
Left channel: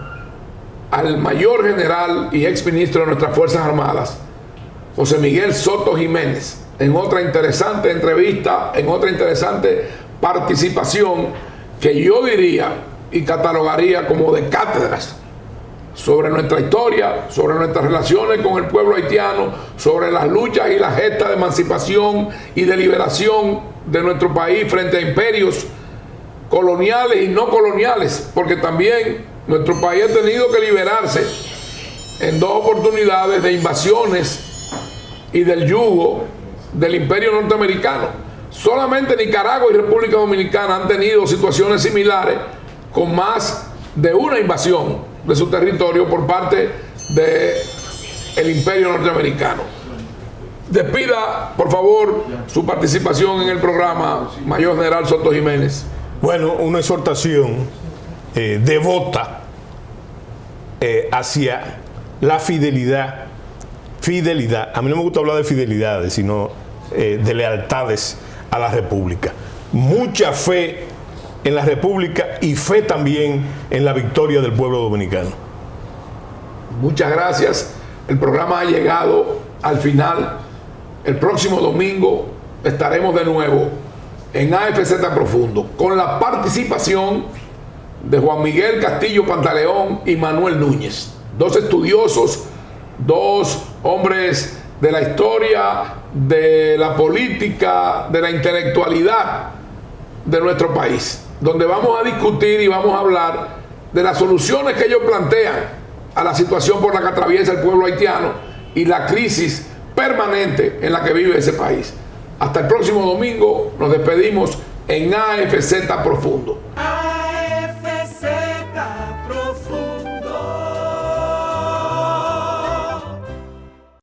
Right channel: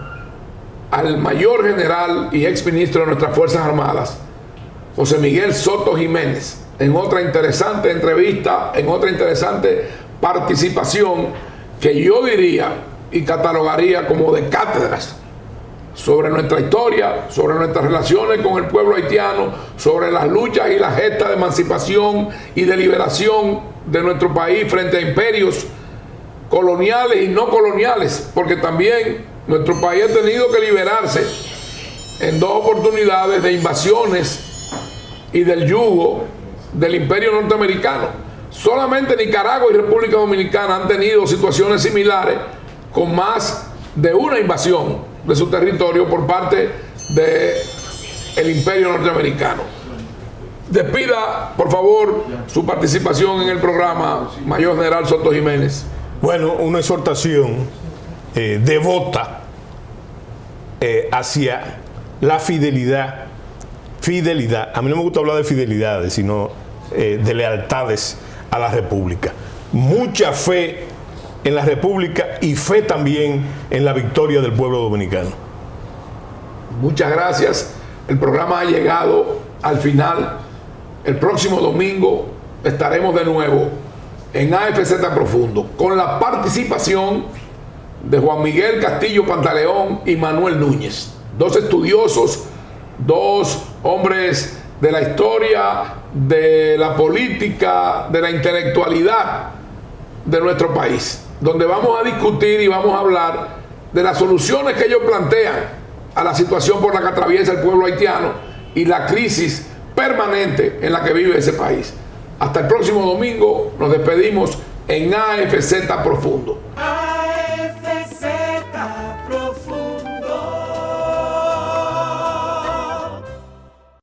al mayor general y ex ministro de nuestras Fuerzas Armadas, José Miguel Soto Jiménez, en otra interesante entrevista, en otra interesante participación que yo diría y catalogaría como de cátedras sobre nuestra historia, sobre nuestras relaciones con el pueblo haitiano, sobre las luchas y las gestas de emancipación y de liberación de nuestro país frente a imperios coloniales y no coloniales, porque también nuestro país ha tenido que liberarse en dos oportunidades de invasiones y del yugo del imperio norteamericano. Solamente Nicaragua y República Dominicana han tenido situaciones similares con más de una invasión de su territorio por parte del imperio norteamericano. Despida, por favor, su participación en el programa, Mayor General Soto Jiménez. Bueno, una exhortación devota hacia la fidelidad. A mí no me gusta hablar de fidelidades, sino de lealtades a la República. Mucha fe en la República y fe también en la victoria del pueblo dominicano. Muchas gracias. El programa ha llegado al final. El próximo domingo estaremos de nuevo en AFZ Profundo con la participación de Juan Miguel Castillo Pantaleón y Manuel Núñez, dos estudiosos, dos hombres de la historia, de la política, de la intelectualidad de nuestro país, donde vamos a discutir y vamos a hablar de las soluciones que ellos plantean a la situación por la que atraviesa el pueblo haitiano y la crisis permanente en la que vive ese país. Hasta el próximo domingo, nos despedimos en AFZ Profundo.